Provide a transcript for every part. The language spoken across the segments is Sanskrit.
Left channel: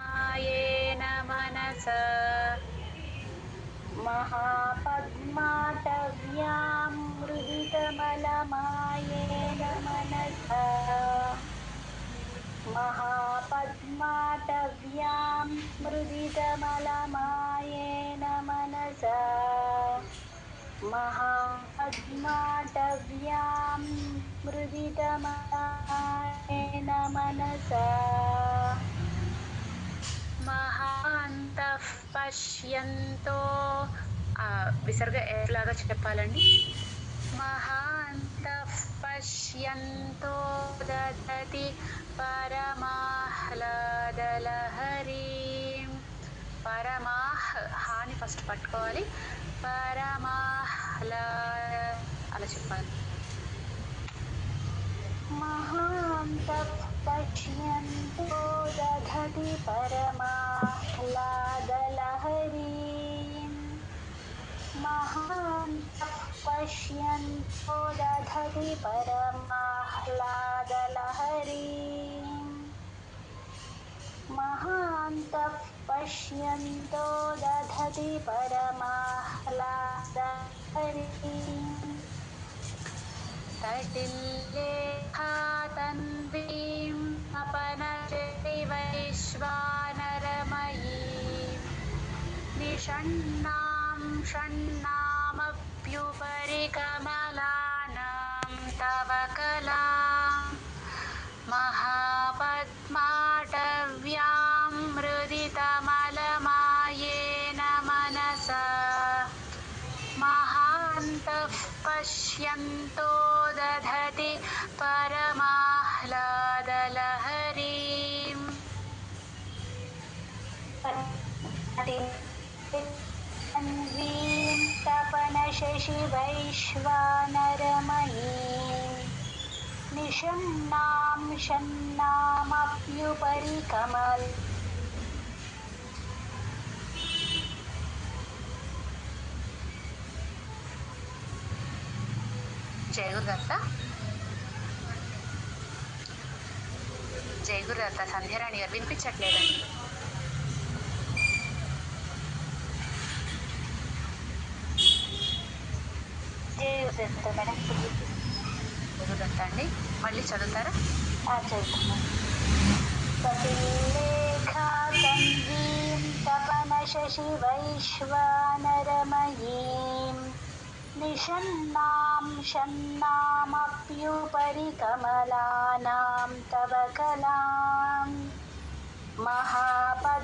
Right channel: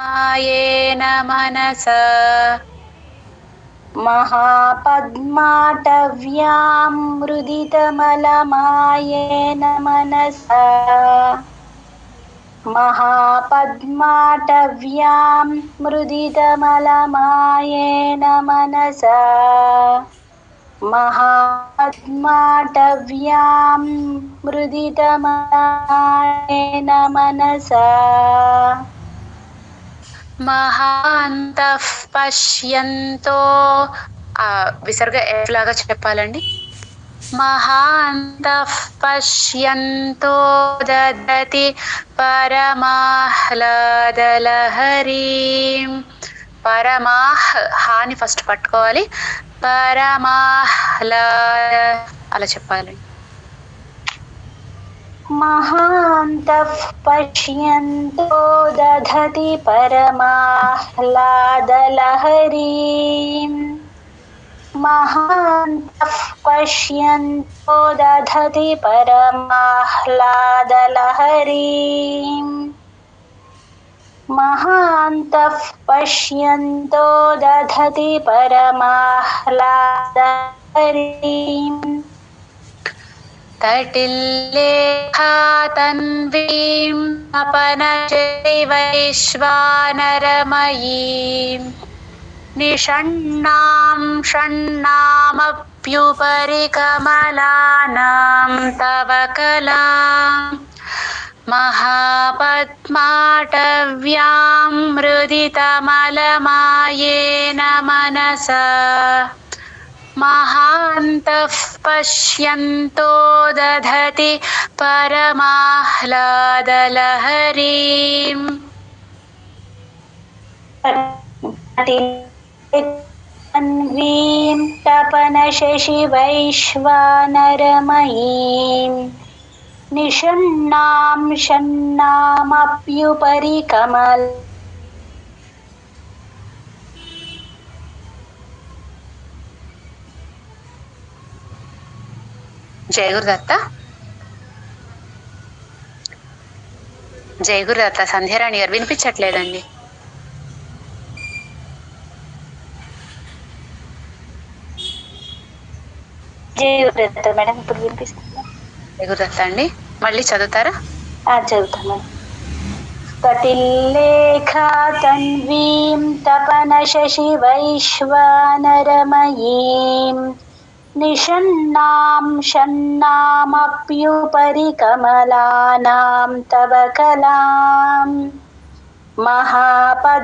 येन मनसा महापद्माटव्यां मुदितमलमायेन मनसा महापद्माटव्यां मुदितमलमायेन मनसा महापद्माटव्यां मुदितमलमायेन मनसा మహాంతః పశ్యంతో విసర్గ ఎలాగా చెప్పాలండి? మహాంతః పశ్యంతో దదతి పరమాహ్లాదలహరీం. హాని ఫస్ట్ పట్టుకోవాలి. పరమాహ్లాద అలా చెప్పాలి. महान्तः पश्यन्तो दधति परमाह्लादलहरीम् महान्तः पश्यन्तो दधति परमाह्लादलहरीम् महान्तः पश्यन्तो दधति परमाह्लादलहरीम् तटिल्लेखा तन्वीं अपनशति वैश्वानरमयीं निषण्णां षण्णामप्युपरि कमलानां तव कलां महापद्माटव्यां मृदितमलमायेन मनसा महान्तः पश्यन्तो दधति परमाह्लादलहरीम् तन्वीं तपनशशिवैश्वानरमयीं निषण्णां षण्णामप्युपरि कमल జయగురుదత్త జయగురుదత్త సంధ్యారాణి గారు వినిపించట్లేదండి. జయగురుదత్త మేడం ఇప్పుడు వినిపిస్తుందా? జయగురుదత్త అండి మళ్ళీ చదువుతారా? చదువుతాను. कटिल्लेखा तन्वीं तपनशशिवैश्वानरमयीं निषण्णां षण्णामप्युपरि कमलानां तव कलां महापद्माटव्यां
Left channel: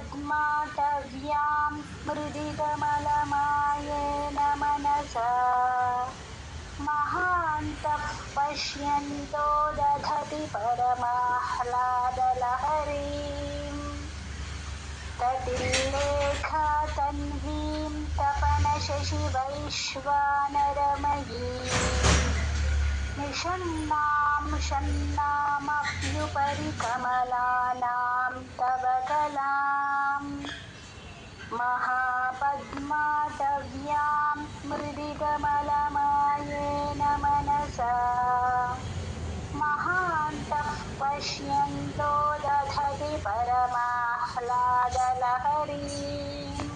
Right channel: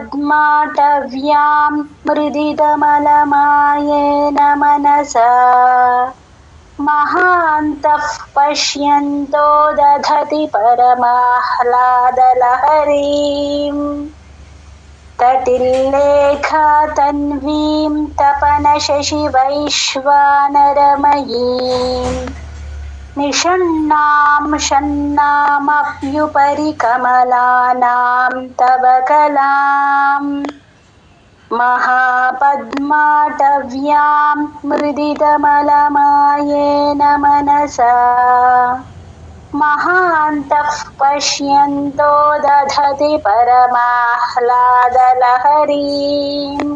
मृदितमलमायेन मनसा महान्तः पश्यन्तो दधति परमाह्लादलहरीम् तटिल्लेखा तन्वीं तपनशशिवैश्वानरमयीं निषण्णां षण्णामप्युपरि कमलानां तव कलां महापद्माटव्यां मृदितमलमायेन मनसा महान्तः पश्यन्तो दधति परमाह्लादलहरीम्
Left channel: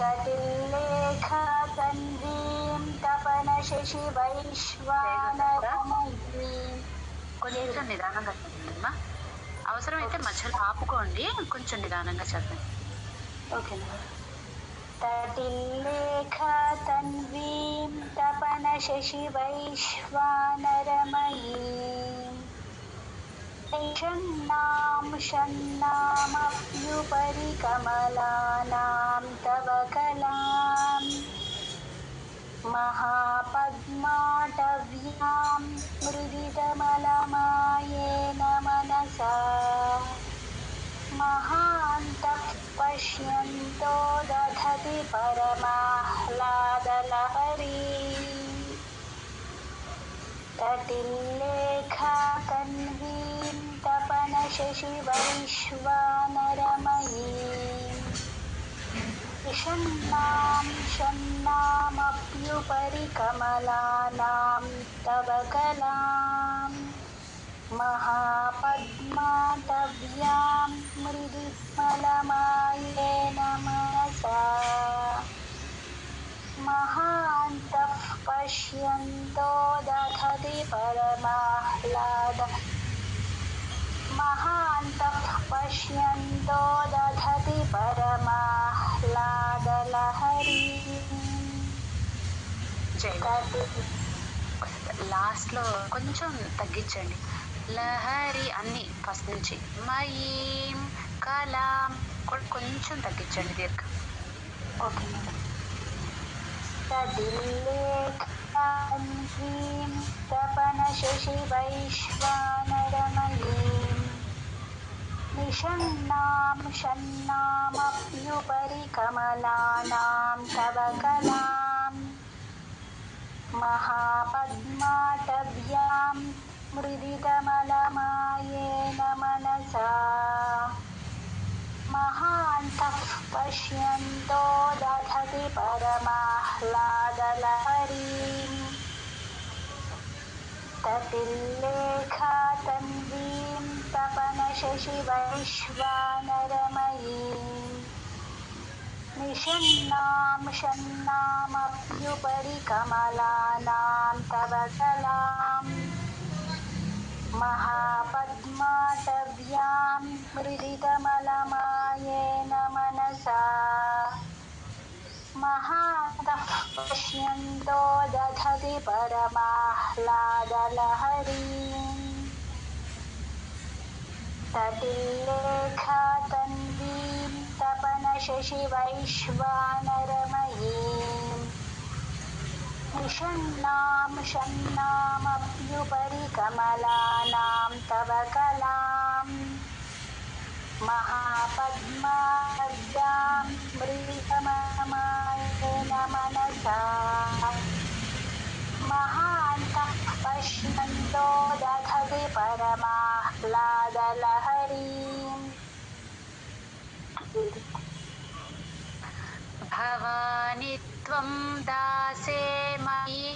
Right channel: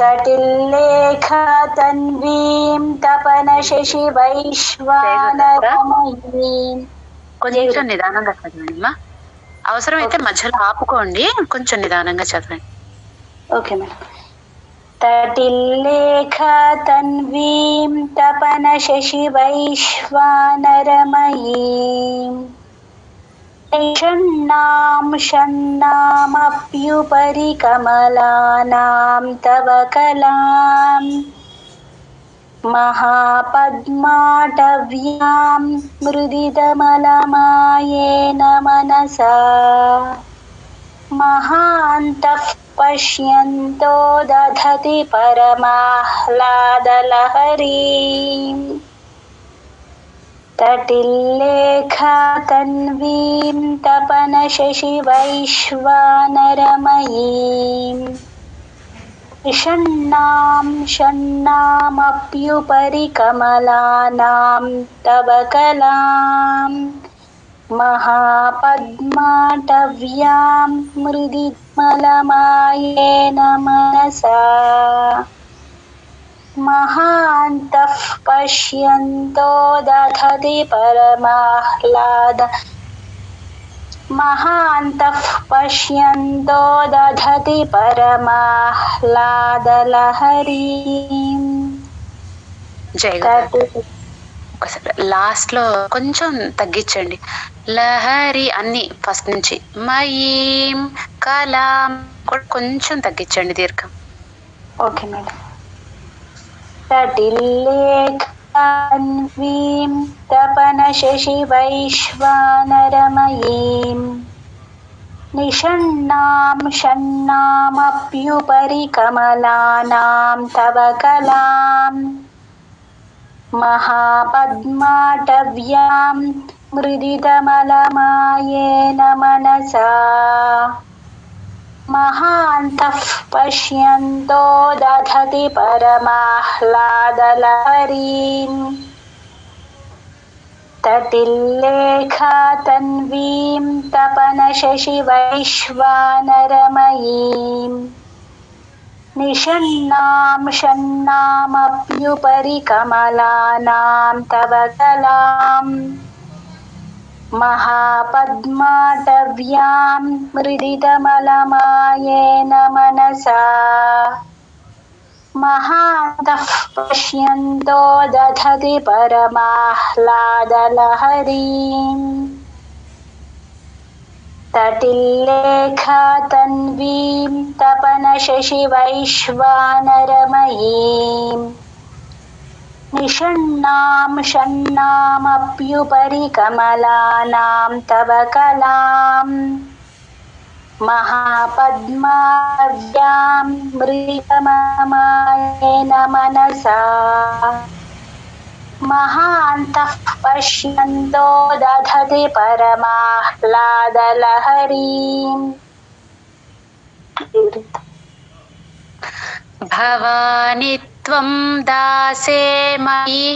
तटिल्लेखा तन्वीं तपनशशिवैश्वानरमयीं. కొంచెం నిదానంగా చదవండి. అవసరమైతే మధ్యలో ఆపుకోండి, కొంచెం నిదానంగా చదవండి. Okay madam. तटिल्लेखा तन्वीं तपनशशिवैश्वानरमयीं निषण्णां षण्णामप्युपरि कमलानां तव कलां महापद्माटव्यां मृदितमलमायेन मनसा महान्तः पश्यन्तो दधति परमाह्लादलहरीम् तटिल्लेखा तन्वीं तपनशशिवैश्वानरमयीं निषण्णां षण्णामप्युपरि कमलानां तव कलां महापद्माटव्यां मृदिमलमायेन मनसा महान्तः पश्यन्तो दधति परमाह्लाद महान्तः पश्यन्तो दधति परमाह्लादलहरीम् జై గురు. ఒకసారి లాస్ట్ లో కొంచెం తగ్గించండి. లహరి అన్ని ఫస్ట్ నుంచి మయీం కలాం కూడా కొంచెం తగ్గించండి దీర్ఘం. Okay madam. తటిల్లేఖాన్వీం తపన శశి వైశ్వానరమయీం నిషణ్ణాం షణ్ణామప్యుపరి కమలానాం తవ కలాం महापद्माटव्यां मृदितमलमायेन मनसा महान्तः पश्यन्तो दधति परमाह्लादलहरीम् तटिल्लेखातन्वीं तपनशशिवैश्वानरमयीम् निषण्णां षण्णामप्युपरि कमलानां तव कलां महापद्माटव्यां मृदितमलमायेन मनसा महान्तः पश्यन्तो दधति परमाह्लादलहरीम् तटिल्लेखातन्वीं तपनशशिवैश्वानरमयीं निषण्णां षण्णामप्युपरि कमलानां तव कलां महापद्माटव्यां मृदितमलमायेन मनसा महान्तः पश्यन्तो दधति परमाह्लादलहरीम् భవాని త్వం దాసే మయి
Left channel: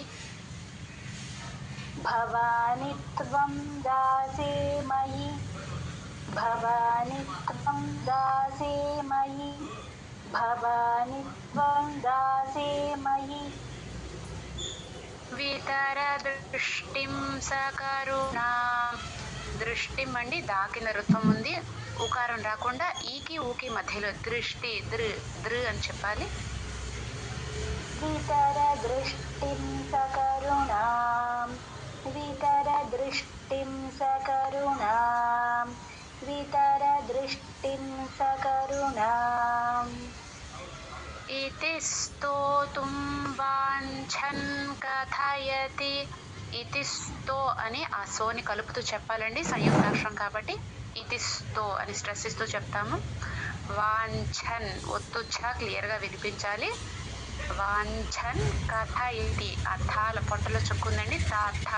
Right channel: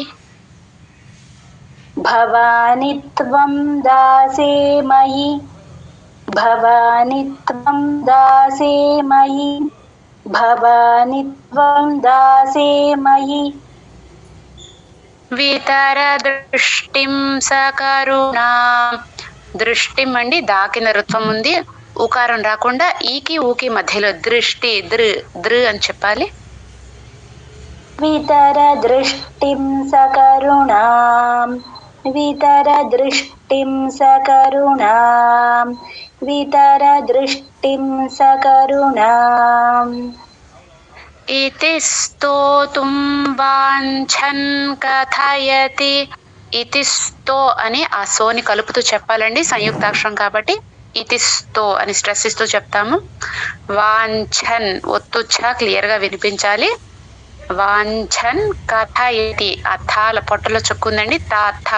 भवानि त्वं दासे मयि भवानि त्वं दासे मयि भवानि त्वं दासे मयि వితర దృష్టిం సకరుణాం. దృష్టిం అండి దాకిన రుత్వం ఉంది, ఉకారం రాకుండా ఈకి ఊకి మధ్యలో దృష్టి దృ అని చెప్పాలి. वितर दृष्टिं सकरुणां वितर दृष्टिं सकरुणां वितर दृष्टिं सकरुणाम् इति స్తోతుం వాంఛన్ కథయతి. ఇతి sto అని ఆ సోని కలుపుతూ చెప్పాలండి, సంయుక్తాక్షరం కాబట్టి ఇతి sto అని స్ట్రెస్ ఇస్తూ చెప్తాము. వాంఛన్ ఒత్తు ఛ క్లియర్ గా వినిపించాలి. వాంఛన్ కథయతి, ఆ థాల పొట్టలో చుక్కుందండి, తా థ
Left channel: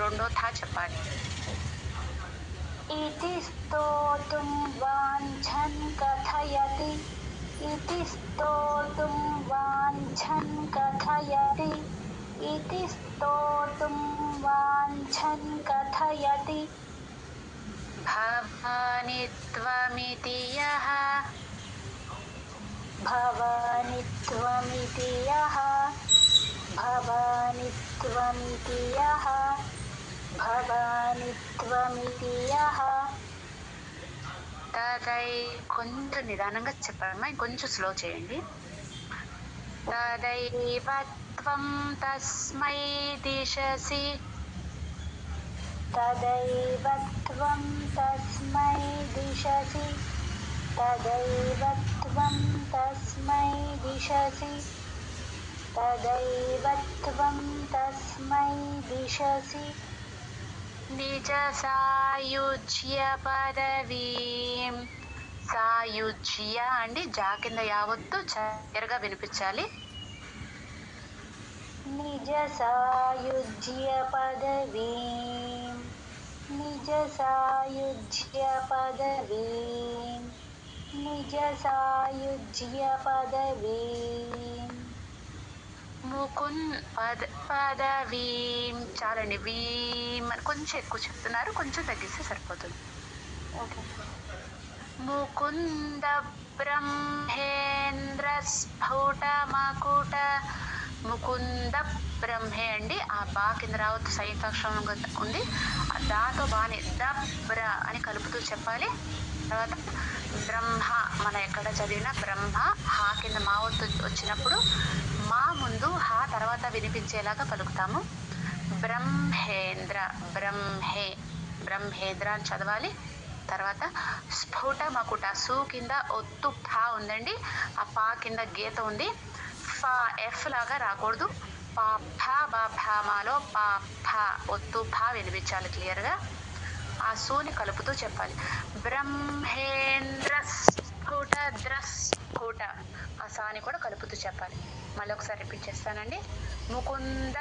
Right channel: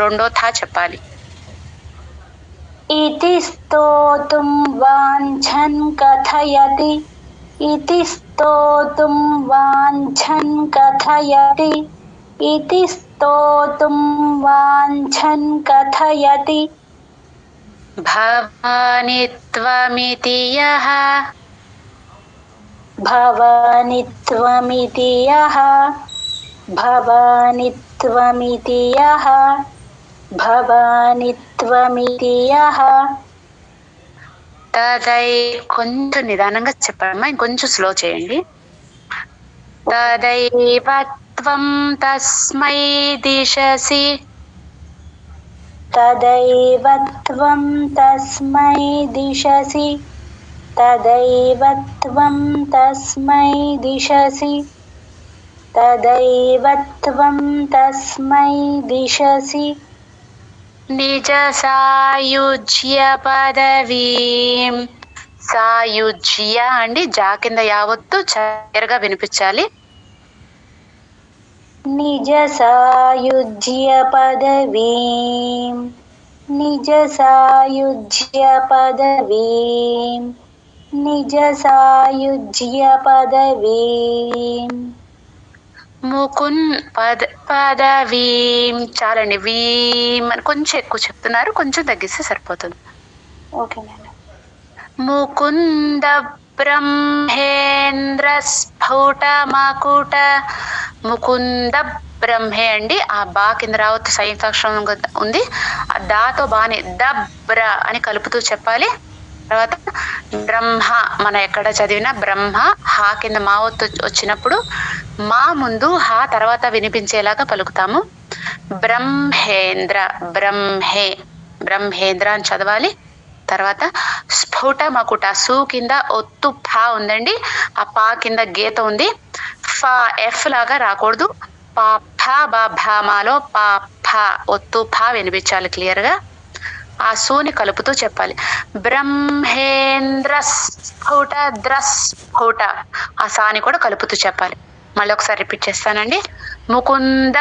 రెండో థా చెప్పాలి. इति स्तोतुं वाञ्छन् कथयति इति स्तोतुं वाञ्छन् कथयति इति स्तोतुं वाञ्छन् कथयति భవాని త్వమితి యః भवानि त्वमिति यः भवानि त्वमिति यः भवानि त्वमिति यः తదై కొంచెం నిదానంగా చెప్పమ్మా, ఇంకొంచెం స్లో చేయండి. తదైవ త్వం తస్మై దిశసి तदैव त्वं तस्मै दिशसि तदैव त्वं तस्मै दिशसि तदैव त्वं तस्मै दिशसि నిజ సాయుజ్య పదవీం. సాయుజ్య అండి జా కింద యావత్తు చక్కరగా వినిపించాలి. निज सायुज्य पदवीं निज सायुज्य पदवीं निज सायुज्य पदवीं ముకున్ పదవీం. చాలండి, వీం అని కొంచెం ఎక్కువ చెప్తున్నారు, కొంచెం తగ్గిస్తే సరిపోతుంది. Okay madam. ముకుంద బ్రహ్మేంద్ర స్ఫుట మకుట. ముకుంద బ్రహ్మే అండి, ఆ బా కింద రావద్దు, సంయుక్తాక్షరం ఉంది. ఆ దాతో బాని దబ్ర అని కలుపుతూ చెప్పాలి. తర్వాత బ్రహ్మ, మనం ఎక్కడ చదివినా బ్రహ్మ, హా కింద మా ఒత్తు వచ్చినప్పుడు మా ముందు హా తర్వాత వినిపించేలాగా పలుకుతాము. బ్రహ్మేంద్ర, బ్రహ్మే, బ్రహ్మేంద్ర అని చదవాలి. తర్వాత స్ఫుట మకుట, సు కింద ఒత్తు ఫా ఉందండి, ఆ పా కింద గీత ఉంది. ఫా ఎఫ్ లాగా రాకూడదు. పా ఫా బా భామాలో పా ఫా ఒత్తు ఫా వినిపించాలి క్లియర్ గా. ఆ సూని కలుపుతూ చెప్పాలి. బ్రహ్మేంద్ర స్ఫుట ద్రస్ఫుట, ఆ సాని కూడా కలుపుతూ చెప్పాలి. మళ్ళీ ఒకసారి రిపీట్ చేస్తానండి. ముకుంద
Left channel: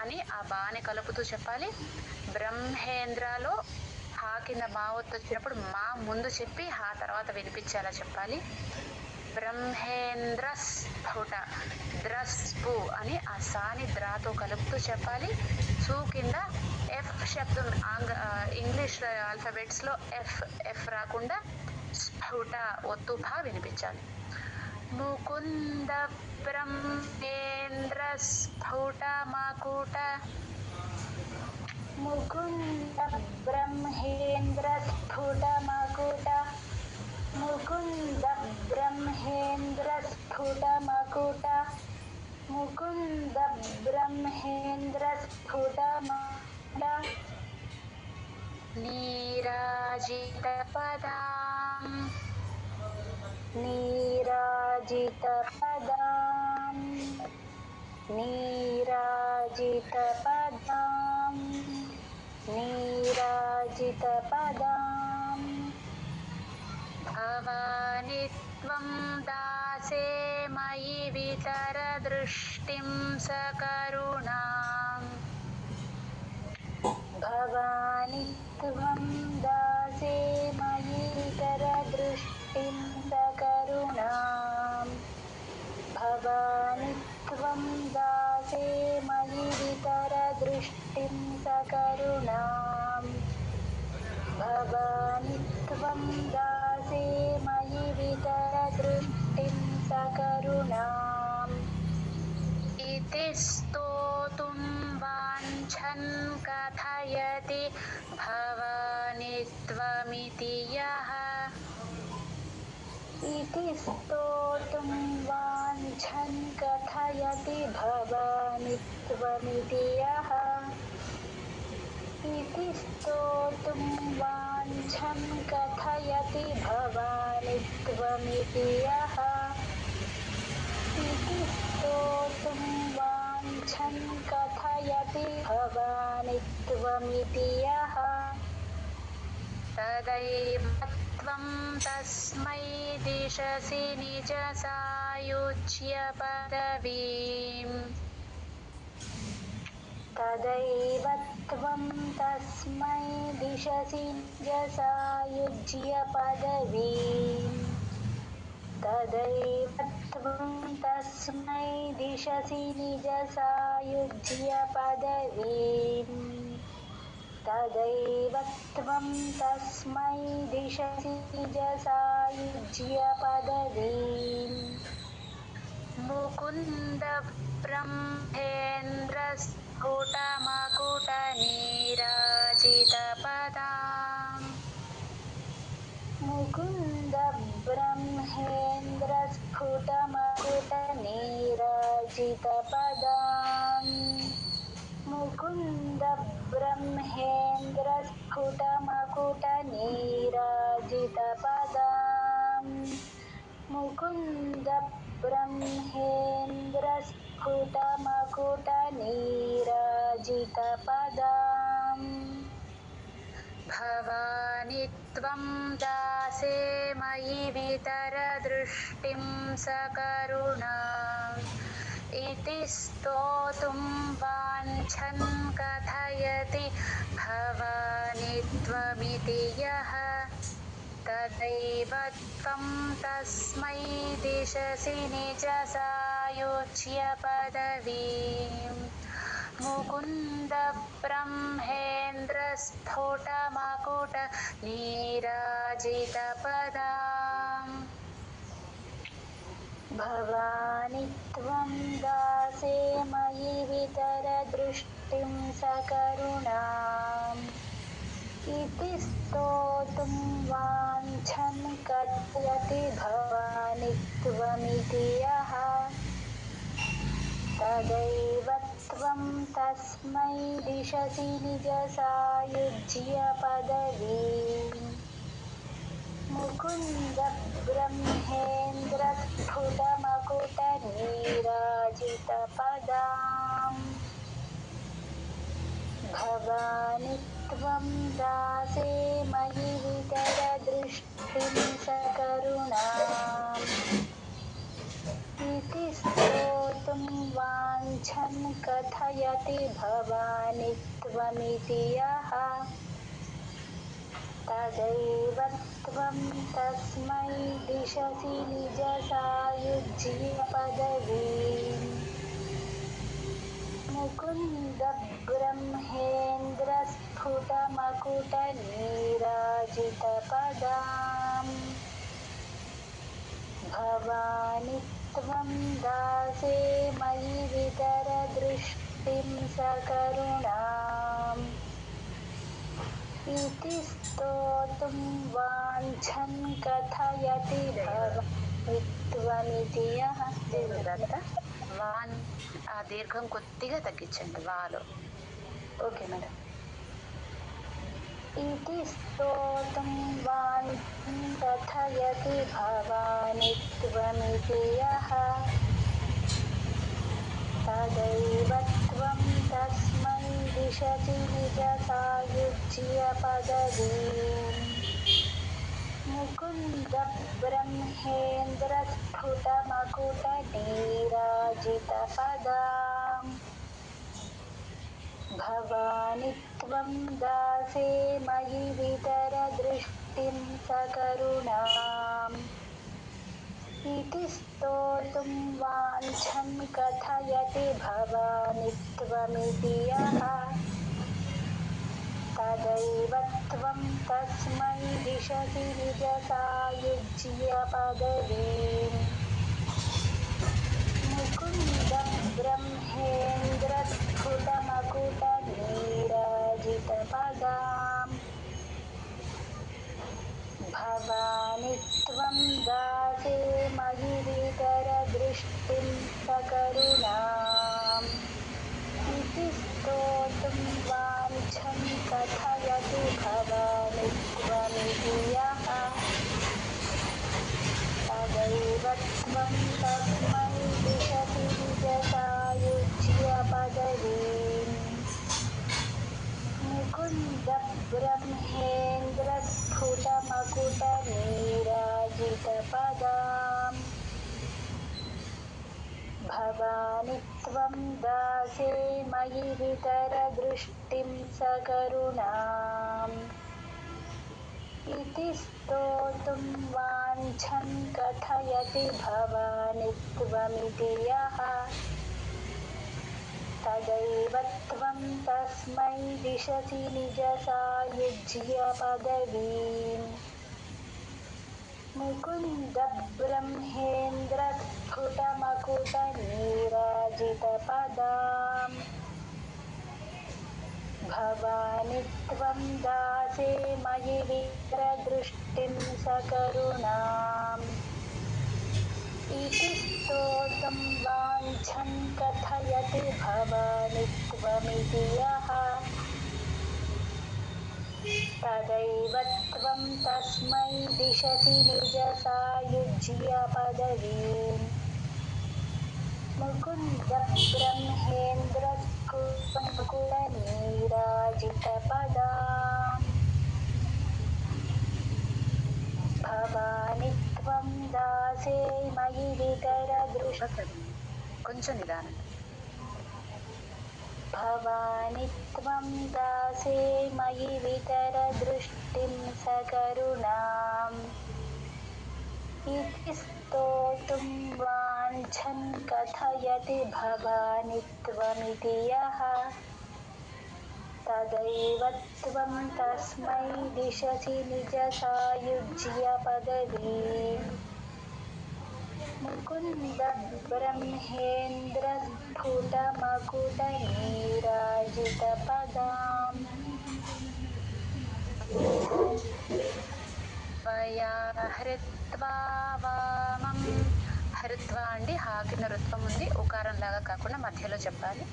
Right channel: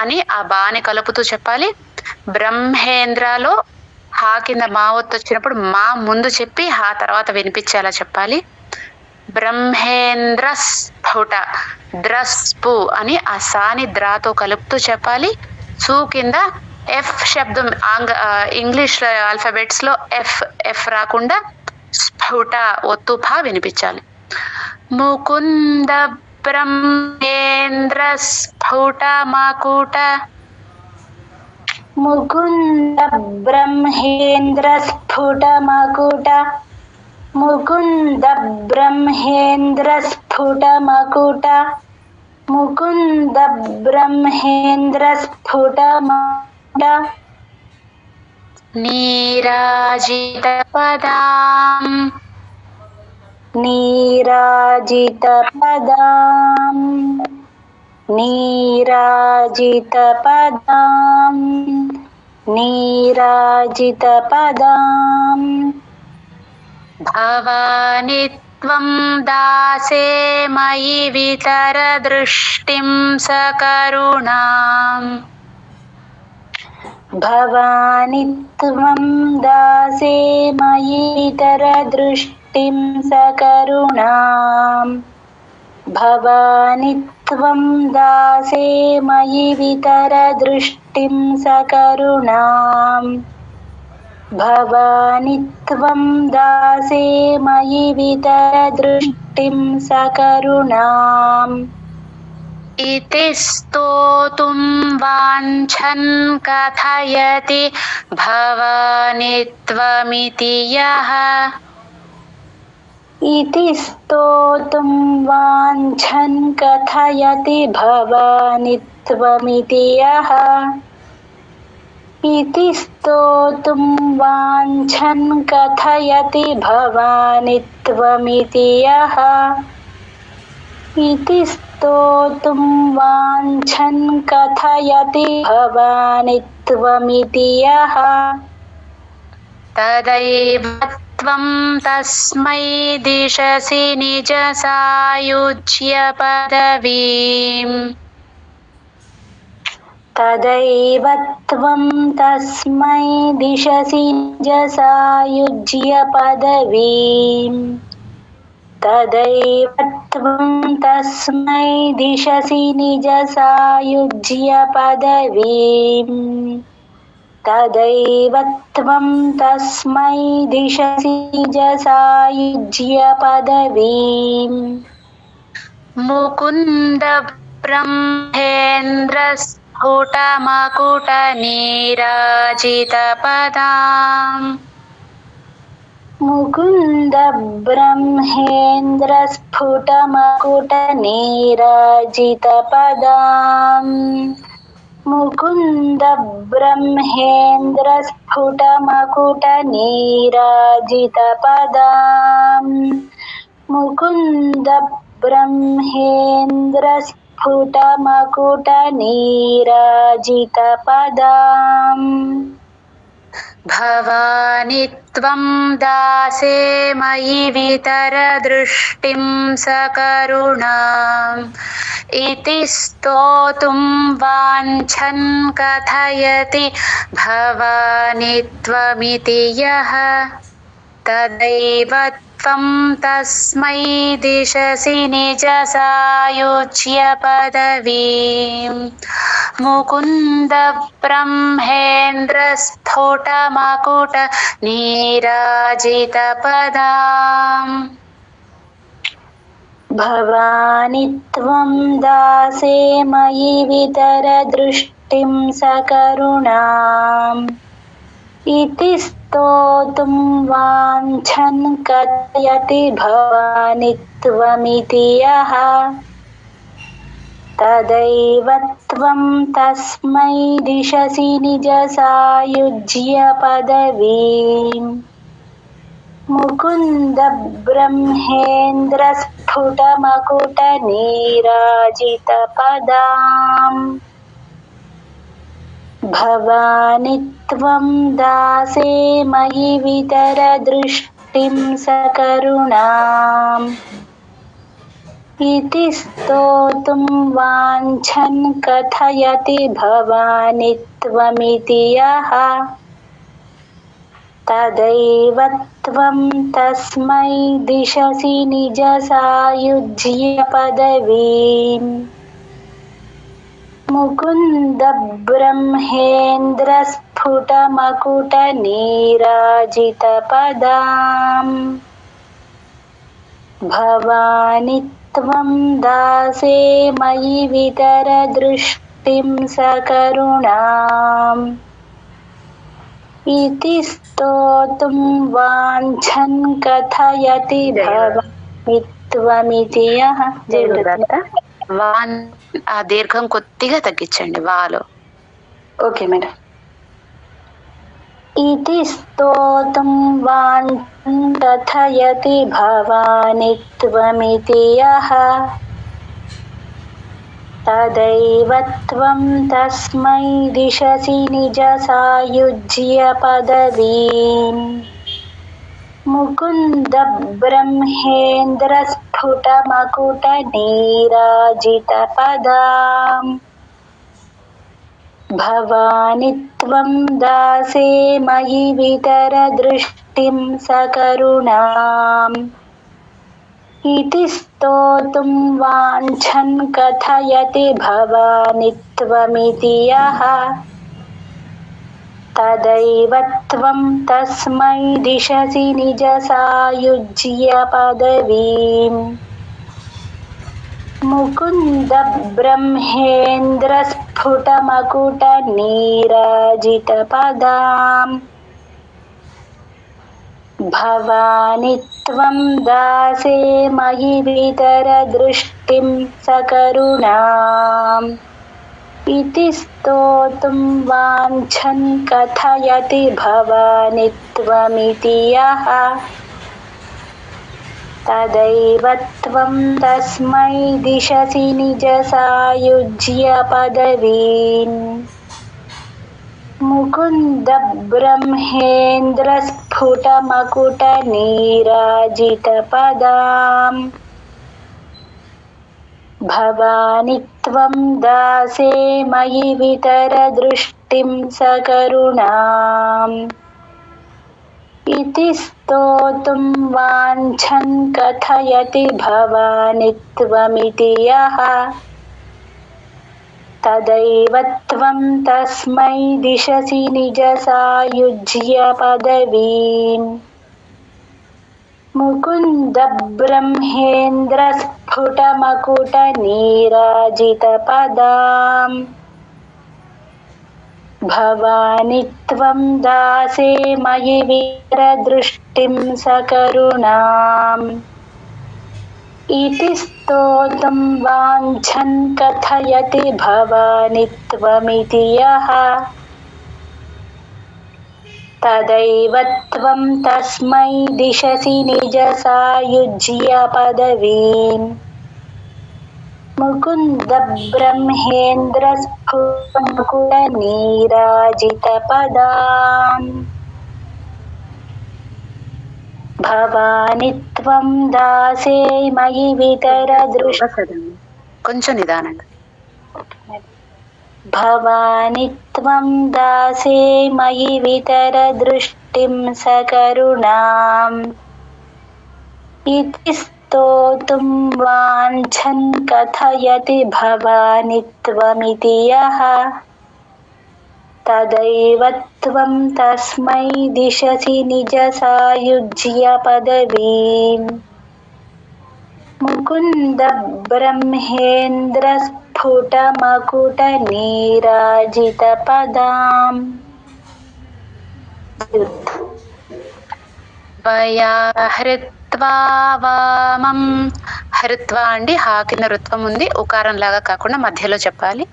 అని ఆ బాని కలుపుతూ చెప్పాలి. బ్రహ్మేంద్రలో హా కింద మా ఒత్తు వచ్చినప్పుడు మా ముందు చెప్పి హా తర్వాత వినిపించేలా చెప్పాలి. బ్రహ్మేంద్ర స్ఫుట ద్రస్పు అని ఆ సాని ద్రాతో కలుపుతూ చెప్పాలి. సు కింద ఎఫ్ శబ్దం, ఇంగ్లీష్ ఆల్ఫాబెట్స్ లో ఎఫ్ ఎఫ్ రాకుండా స్ఫుట ఒత్తు ఫా వినిపించాలి. ముకుంద బ్రహ్మేంద్ర స్ఫుట మకుట. ముకుంద బ్రహ్మేంద్ర స్ఫుట మకుట. ముకుంద బ్రహ్మేంద్ర స్ఫుట మకుట. ముకుంద బ్రహ్మేంద్ర స్ఫుట మకుట. నీరాజిత పదాం. నీరాజిత పదాం. నీరాజిత పదాం. నీరాజిత పదాం. భవాని త్వం దాసే మయి వితర దృష్టిం సకరుణాం. భవాని త్వం దాసే మయి వితర దృష్టిం సకరుణాం. భవాని త్వం దాసే మయి వితర దృష్టిం సకరుణాం. భవాని త్వం దాసే మయి వితర దృష్టిం సకరుణాం. इति स्तोतुं वाञ्छन् कथयति भवानि त्वमिति यः. इति स्तोतुं वाञ्छन् कथयति भवानि त्वमिति यः. इति स्तोतुं वाञ्छन् कथयति भवानि त्वमिति यः. इति स्तोतुं वाञ्छन् कथयति भवानि त्वमिति यः. तदैव त्वं तस्मै दिशसि निजसायुज्य पदवीम्. तदैव त्वं तस्मै दिशसि निजसायुज्य पदवीम्. तदैव त्वं तस्मै दिशसि निजसायुज्य पदवीम्. तदैव त्वं तस्मै दिशसि निजसायुज्य पदवीम्. मुकुन्द ब्रह्मेन्द्र स्फुट मकुट नीराजित पदाम्. मुकुन्द ब्रह्मेन्द्र स्फुट मकुट नीराजित पदाम्. मुकुन्द ब्रह्मेन्द्र स्फुट मकुट नीराजित पदाम्. मुकुन्द ब्रह्मेन्द्र स्फुट मकुट नीराजित पदाम्. भवानि त्वं दासे मयि वितर दृष्टिं सकरुणाम्. इति स्तोतुं वाञ्छन् कथयति भवानि त्वमिति यः. तदैव त्वं तस्मै दिशसि निजसायुज्य पदवीं मुकुन्द ब्रह्मेन्द्रस्फुटमकुट नीराजितपदाम् भवानि त्वं दासे मयि वितरदृष्टिं सकरुणाम् इति स्तोतुं वाञ्छन् कथयति भवानि त्वमिति यः तदैव त्वं तस्मै दिशसि निजसायुज्य पदवीम् मुकुन्द ब्रह्मेन्द्रस्फुटमकुटनीराजितपदाम् भवानि त्वं दासे मयि वितरदृष्टिं सकरुणाम् इति स्तोतुं वाञ्छन् कथयति भवानि त्वमिति यः तदैव त्वं तस्मै दिशसि निजसायुज्य पदवीम् मुकुन्द ब्रह्मेन्द्रस्फुटमकुटनीराजितपदाम् भवानि त्वं दासे मयि वितरदृष्टिं सकरुणाम् इति स्तोतुं वाञ्छन् कथयति भवानि त्वमिति यः వాన్ ఆ దీర్ఘం కొద్దిగా తగ్గించండి వాలో. Okay madam. इति स्तोतुं वाञ्छन् कथयति भवानि त्वमिति यः तदैव त्वं तस्मै दिशसि निजसायुज्य पदवीम् मुकुन्द ब्रह्मेन्द्रस्फुटमकुटनीराजितपदाम् भवानि त्वं दासे मयि वितरदृष्टिं सकरुणाम् इति स्तोतुं वाञ्छन् कथयति भवानि त्वमिति यः तदैव त्वं तस्मै दिशसि निजसायुज्य पदवीम् मुकुन्द ब्रह्मेन्द्रस्फुटमकुटनीराजितपदाम् भवानि त्वं दासे मयि वितरदृष्टिं सकरुणाम् इति स्तोतुं वाञ्छन् कथयति भवानि त्वमिति यः तदैव त्वं तस्मै दिशसि निजसायुज्य पदवीम् मुकुन्द ब्रह्मेन्द्रस्फुटमकुटनीराजितपदाम् भवानि त्वं दासे मयि वितरदृष्टिं सकरुणाम् इति स्तोतुं वाञ्छन् कथयति भवानि त्वमिति यः तदैव त्वं तस्मै दिशसि निजसायुज्य पदवीम् मुकुन्द ब्रह्मेन्द्रस्फुटमकुटनीराजितपदाम् भवानि त्वं दासे मयि वितरदृष्टिं सकरुणाम् इति स्तोतुं वाञ्छन् कथयति भवानि त्वमिति यः तदैव त्वं तस्मै दिशसि निजसायुज्य पदवीम् मुकुन्द ब्रह्मेन्द्रस्फुटमकुटनीराजितपदाम् भवानि त्वं दासे मयि वितरदृष्टिं కొంచెం నిదానంగా. भवानि त्वं दासे मयि वितरदृष्टिं सकरुणाम् इति स्तोतुं वाञ्छन् कथयति भवानि त्वमिति यः तदैव त्वं तस्मै दिशसि निजसायुज्य पदवीम् मुकुन्द ब्रह्मेन्द्रस्फुटमकुटनीराजितपदाम् त्वया హృత్వా వామం. హృత్వా అండి హా కింద రుత్వం ఉంది, ఉకారం లాగా కాకుండా మధ్యలో చెప్పాలి.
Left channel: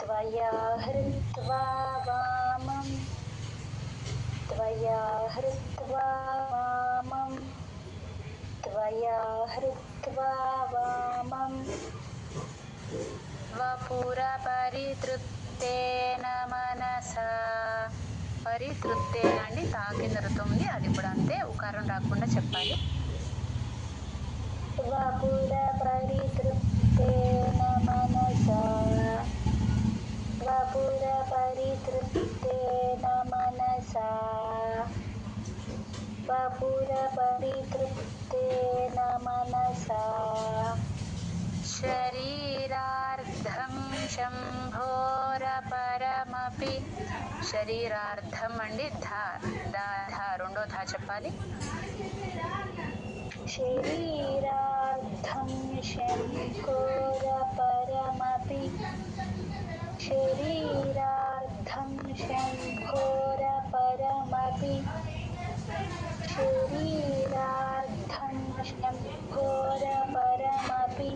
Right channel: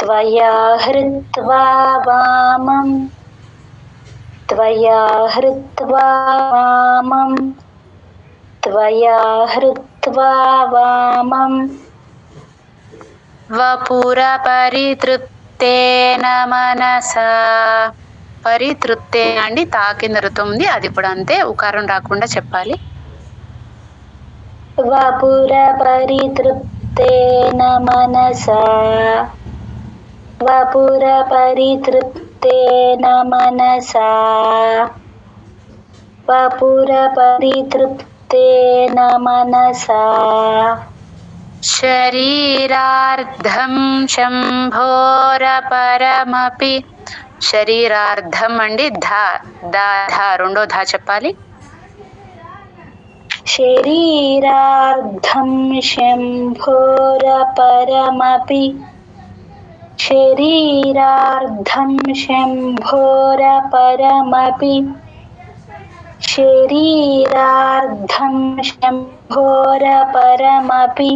त्वया हृत्वा वामं त्वया हृत्वा वामं त्वया हृत्वा वामं వపుర పరితృప్తేన మనసా. పరితృప్తే అండి తా కింద రుత్వం ఉంది, అది కూడా అంతే, ఉకారం రాకుండా చెప్పాలి. वपुर परितृप्तेन मनसा वपुर परितृप्तेन मनसा वपुर परितृप्तेन मनसा శరీరార్థం శంభోరపరమపి. శరీరార్థం అండి ధా దా ధా రెండో ధా చెప్పాలి. शरीरार्धं शम्भोरपरमपि शरीरार्धं शम्भोरपरमपि शरीरार्धं शम्भोरपरमपि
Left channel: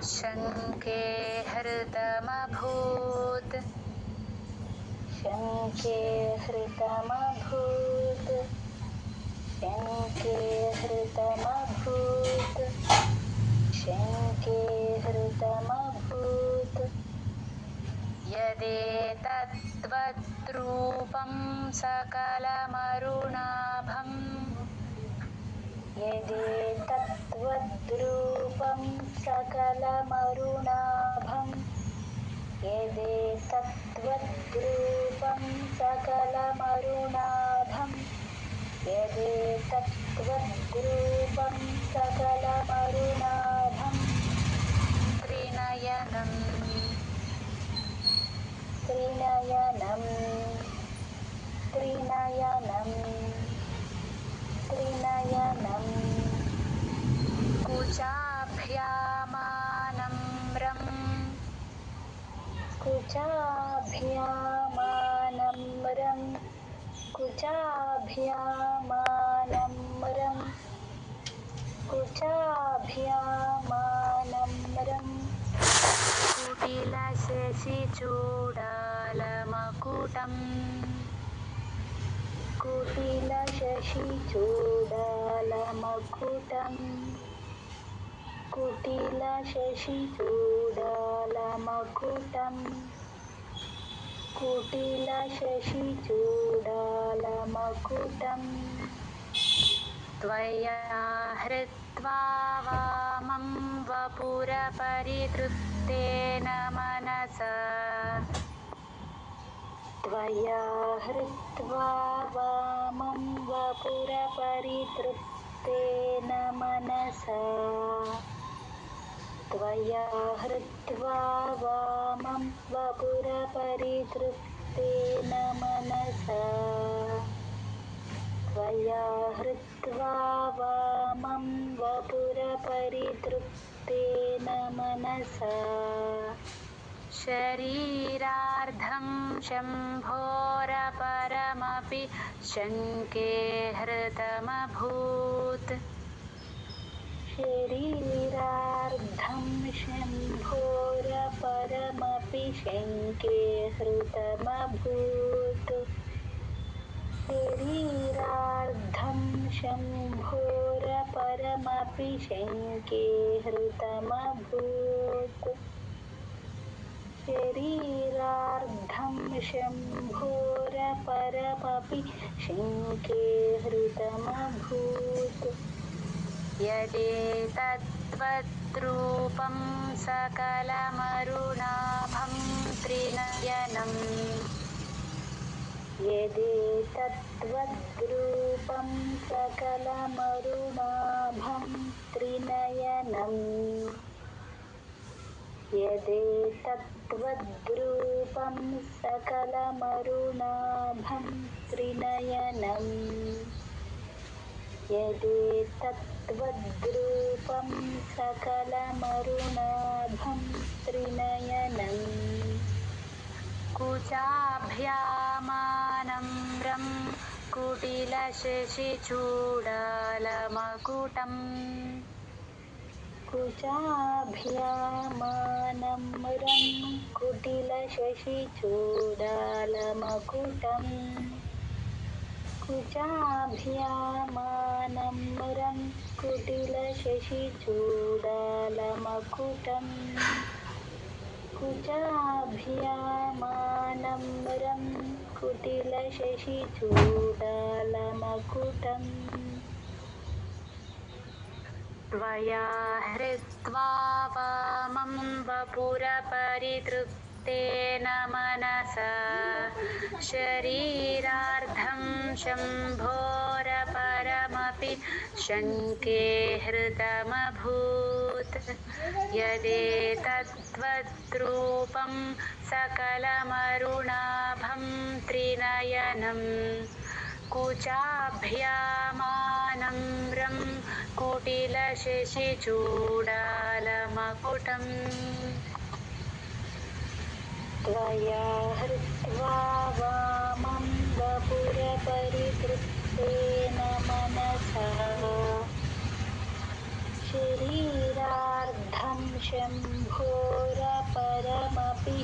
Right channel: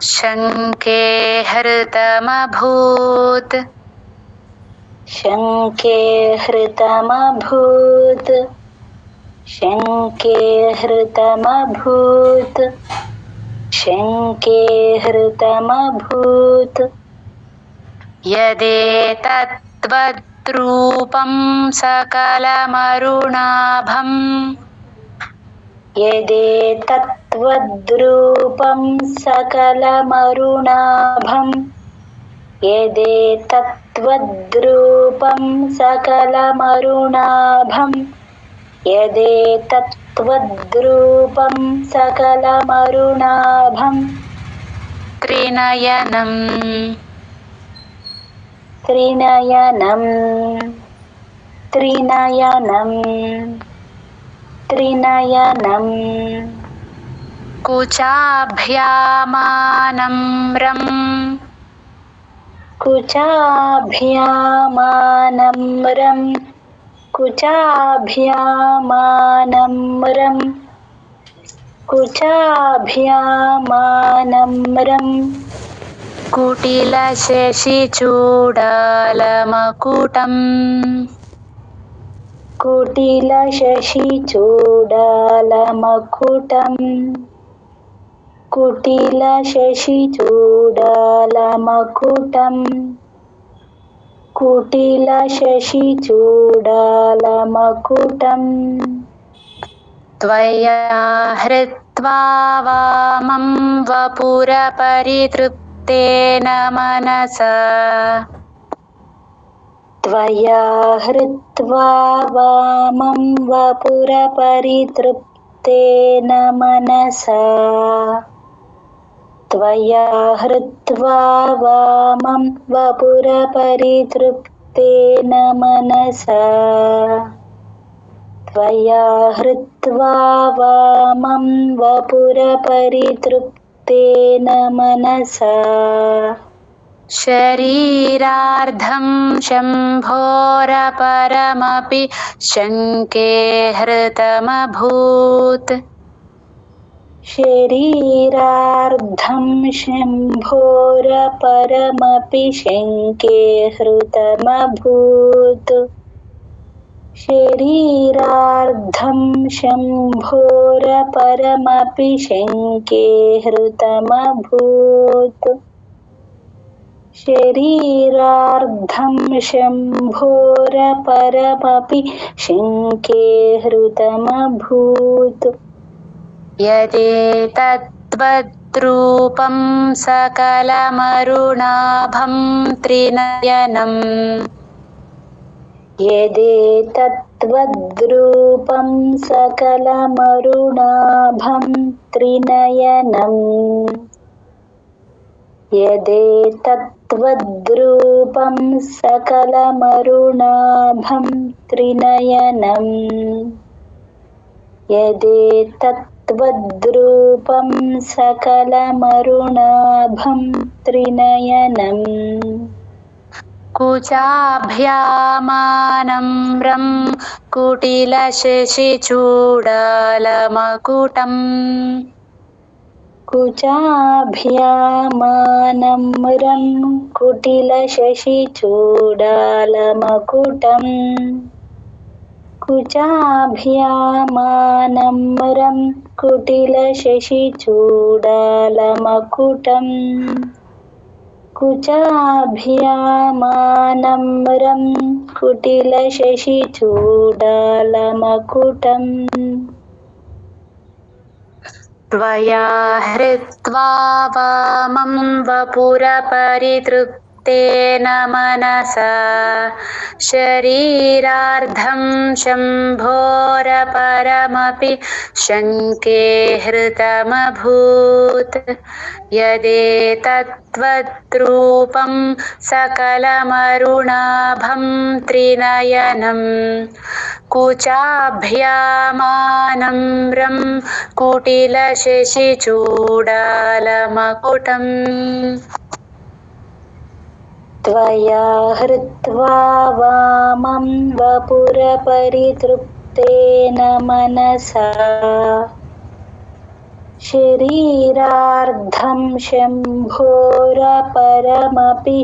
శంకే హృతమభూత్. शङ्के हृतमभूत् शङ्के हृतमभूत् शङ्के हृतमभूत् యదేతద్రూపం సకలమరుణాభం. यदेतत्त्वद्रूपं सकलमरुणाभं यदेतत्त्वद्रूपं सकलमरुणाभं यदेतत्त्वद्रूपं सकलमरुणाभं త్రినయనం. त्रिनयनं त्रिनयनं त्रिनयनं కుచాభ్యామానమ్రం. कुचाभ्यामानम्रं कुचाभ्यामानम्रं कुचाभ्यामानम्रं కుటిలశశిచూడాలమకుటం. कुटिलशशिचूडालमकुटं कुटिलशशिचूडालमकुटं कुटिलशशिचूडालमकुटं त्वया हृत्वा वामं वपुर परितृप्तेन मनसा. त्वया हृत्वा वामं वपुरपरितृप्तेन मनसा त्वया हृत्वा वामं वपुरपरितृप्तेन मनसा त्वया हृत्वा वामं वपुरपरितृप्तेन मनसा शरीरार्धं शम्भोरपरमपि शङ्के हृतमभूत्. शरीरार्धं शम्भोरपरमपि शङ्के हृतमभूत् शरीरार्धं शम्भोरपरमपि शङ्के हृतमभूत् शरीरार्धं शम्भोरपरमपि शङ्के हृतमभूत् यदेतद्वद्रूपं सकलमरुणाभं त्रिनयनम्. यदेतत्त्वद्रूपं सकलमरुणाभं त्रिनयनम् यदेतत्त्वद्रूपं सकलमरुणाभं त्रिनयनम् यदेतत्त्वद्रूपं सकलमरुणाभं त्रिनयनम् कुचाभ्यामानम्रं कुटिलशशिचूडालमकुटम् कुचाभ्यामानम्रं कुटिलशशिचूडालमकुटम् कुचाभ्यामानम्रं कुटिलशशिचूडालमकुटम् कुचाभ्यामानम्रं कुटिलशशिचूडालमकुटम् त्वया हृत्वा वामं वपुरपरितृप्तेन मनसा शरीरार्धं शम्भोरपरमपि शङ्के हृतमभूत् यदेतत्त्वद्रूपं सकलमरुणाभं त्रिनयनं कुचाभ्यामानम्रं कुटिलशशिचूडालमकुटम् त्वया हृत्वा वामं वपुरपरितृप्तेन मनसा शरीरार्धं शम्भोरपरमपि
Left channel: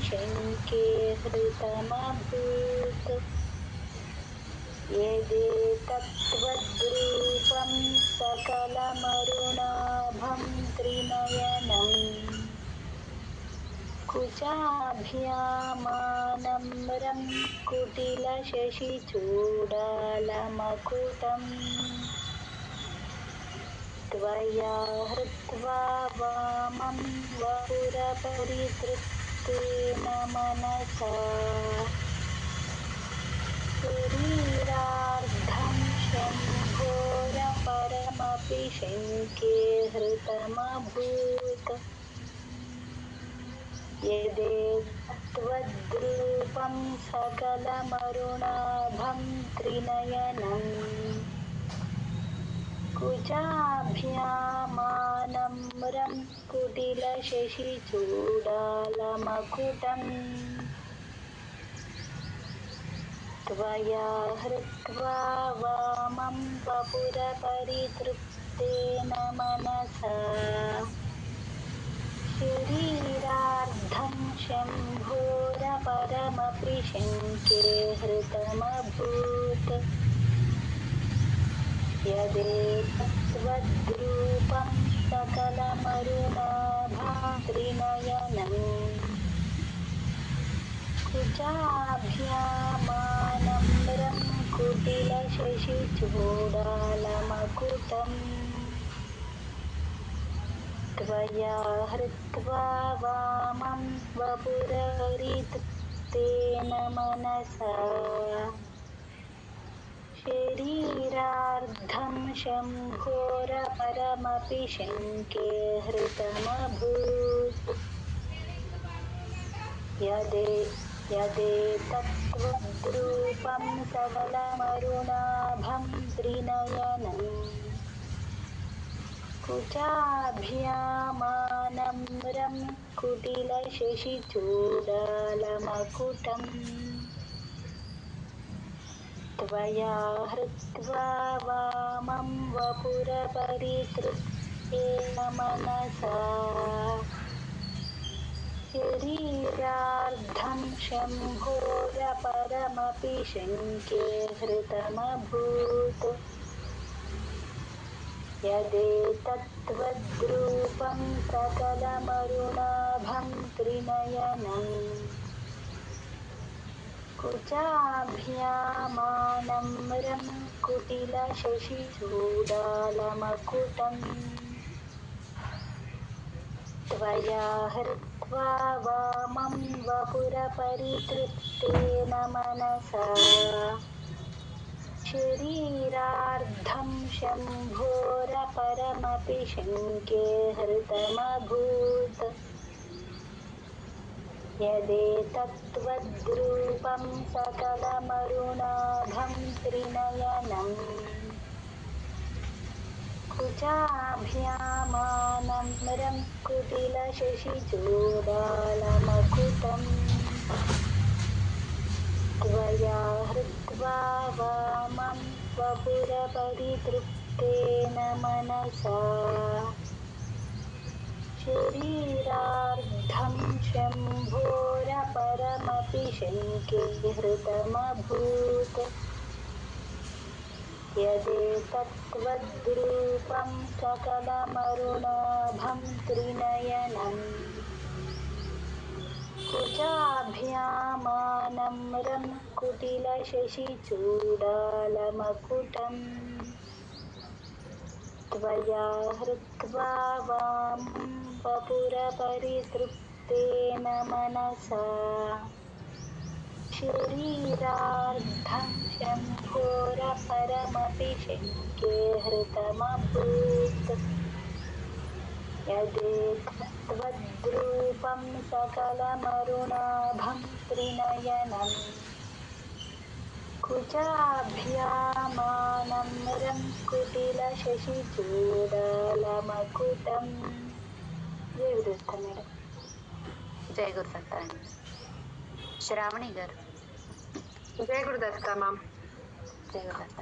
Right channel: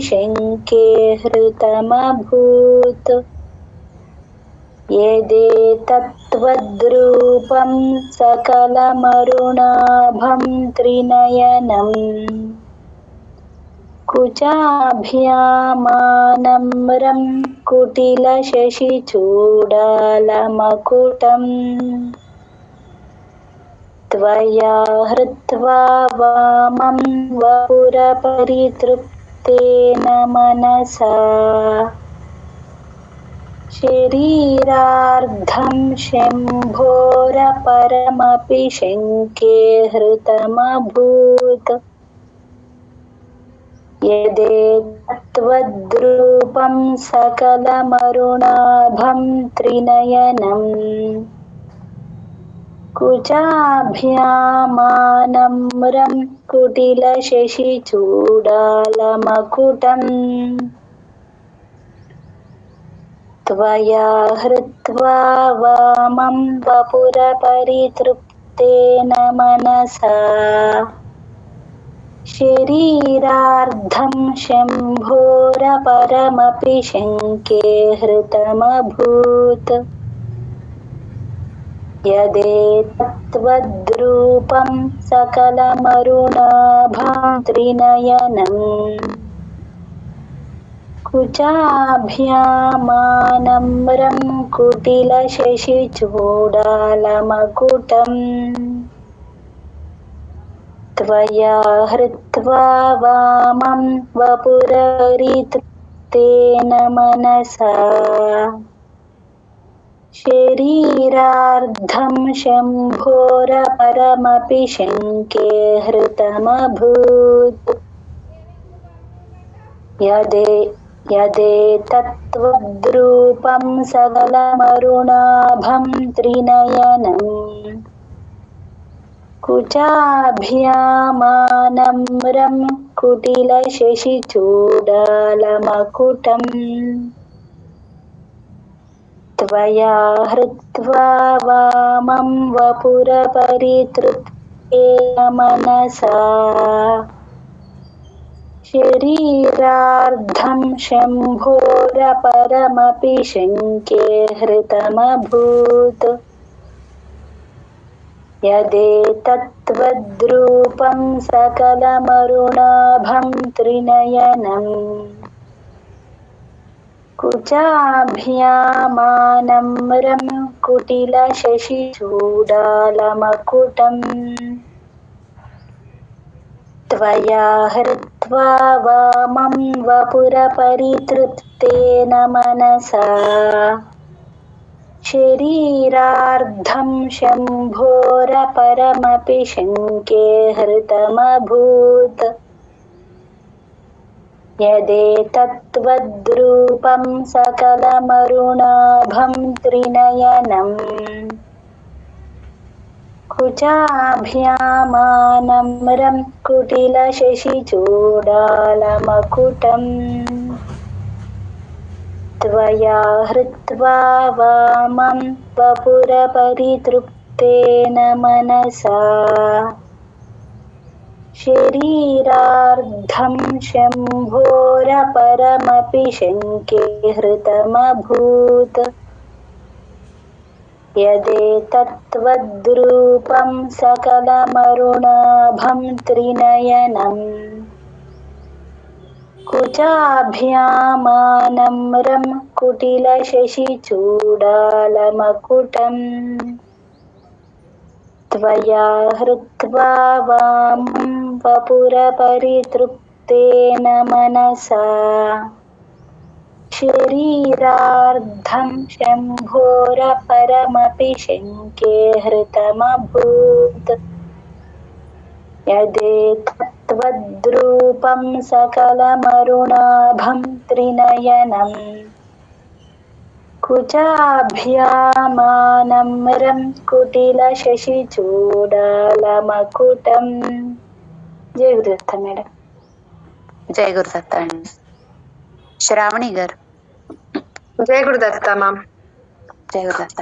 शङ्के हृतमभूत् यदेतत्त्वद्रूपं सकलमरुणाभं त्रिनयनम् कुचाभ्यामानम्रं कुटिलशशिचूडालमकुटम् त्वया हृत्वा वामं वपुरपरितृप्तेन मनसा शरीरार्धं शम्भोरपरमपि शङ्के हृतमभूत् यदेतत्त्वद्रूपं सकलमरुणाभं त्रिनयनम् कुचाभ्यामानम्रं कुटिलशशिचूडालमकुटम् त्वया हृत्वा वामं वपुरपरितृप्तेन मनसा शरीरार्धं शम्भोरपरमपि शङ्के हृतमभूत् यदेतत्त्वद्रूपं सकलमरुणाभं त्रिनयनम् कुचाभ्यामानम्रं कुटिलशशिचूडालमकुटम् त्वया हृत्वा वामं वपुरपरितृप्तेन मनसा शरीरार्धं शम्भोरपरमपि शङ्के हृतमभूत् यदेतत्त्वद्रूपं सकलमरुणाभं त्रिनयनम् कुचाभ्यामानम्रं कुटिलशशिचूडालमकुटम् त्वया हृत्वा वामं वपुरपरितृप्तेन मनसा शरीरार्धं शम्भोरपरमपि शङ्के हृतमभूत् यदेतत्त्वद्रूपं सकलमरुणाभं त्रिनयनम् कुचाभ्यामानम्रं कुटिलशशिचूडालमकुटम् त्वया हृत्वा हृत्वा वामं वपुरपरितृप्तेन मनसा शरीरार्धं शम्भोरपरमपि शङ्के हृतमभूत् यदेतत्त्वद्रूपं सकलमरुणाभं त्रिनयनम् कुचाभ्यामानम्रं कुटिलशशिचूडालमकुटम् त्वया हृत्वा वामं वपुरपरितृप्तेन मनसा शरीरार्धं शम्भोरपरमपि शङ्के हृतमभूत् यदेतत्त्वद्रूपं सकलमरुणाभं त्रिनयनम् कुचाभ्यामानम्रं कुटिलशशिचूडालमकुटम् त्वया हृत्वा वामं वपुरपरितृप्तेन मनसा शरीरार्धं शम्भोरपरमपि शङ्के हृतमभूत् यदेतत्त्वद्रूपं सकलमरुणाभं त्रिनयनम् कुचाभ्यामानम्रं कुटिलशशिचूडालमकुटम् జయ గురుదత్త మేడం. జయ గురుదత్త అండి. శ్రావణి గారు. జయ గురుదత్త మ్యామ్. జయ గురుదత్త.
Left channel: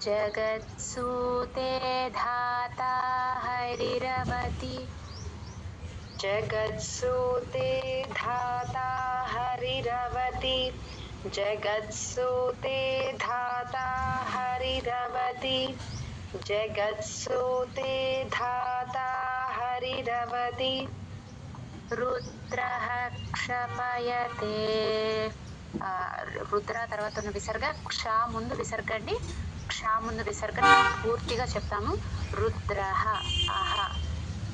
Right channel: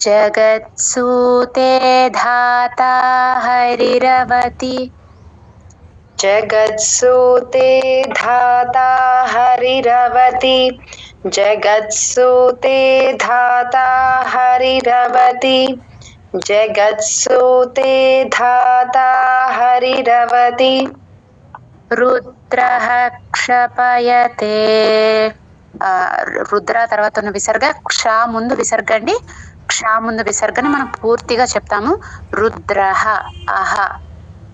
జగత్సూతే ధాతా హరిరవతి జగత్సూతే ధాతా హరిరవతి జగత్సూతే ధాతా హరిరవతి జగత్సూతే ధాతా హరిరవతి రుద్రః క్షపయతే. రుద్ర తర్వాత ఉన్న విసర్గ క్ష ముందు విసర్గ అండి. క్ష ముందు విసర్గని మనం పూర్తిగా చెప్తాము. రుద్రః అహ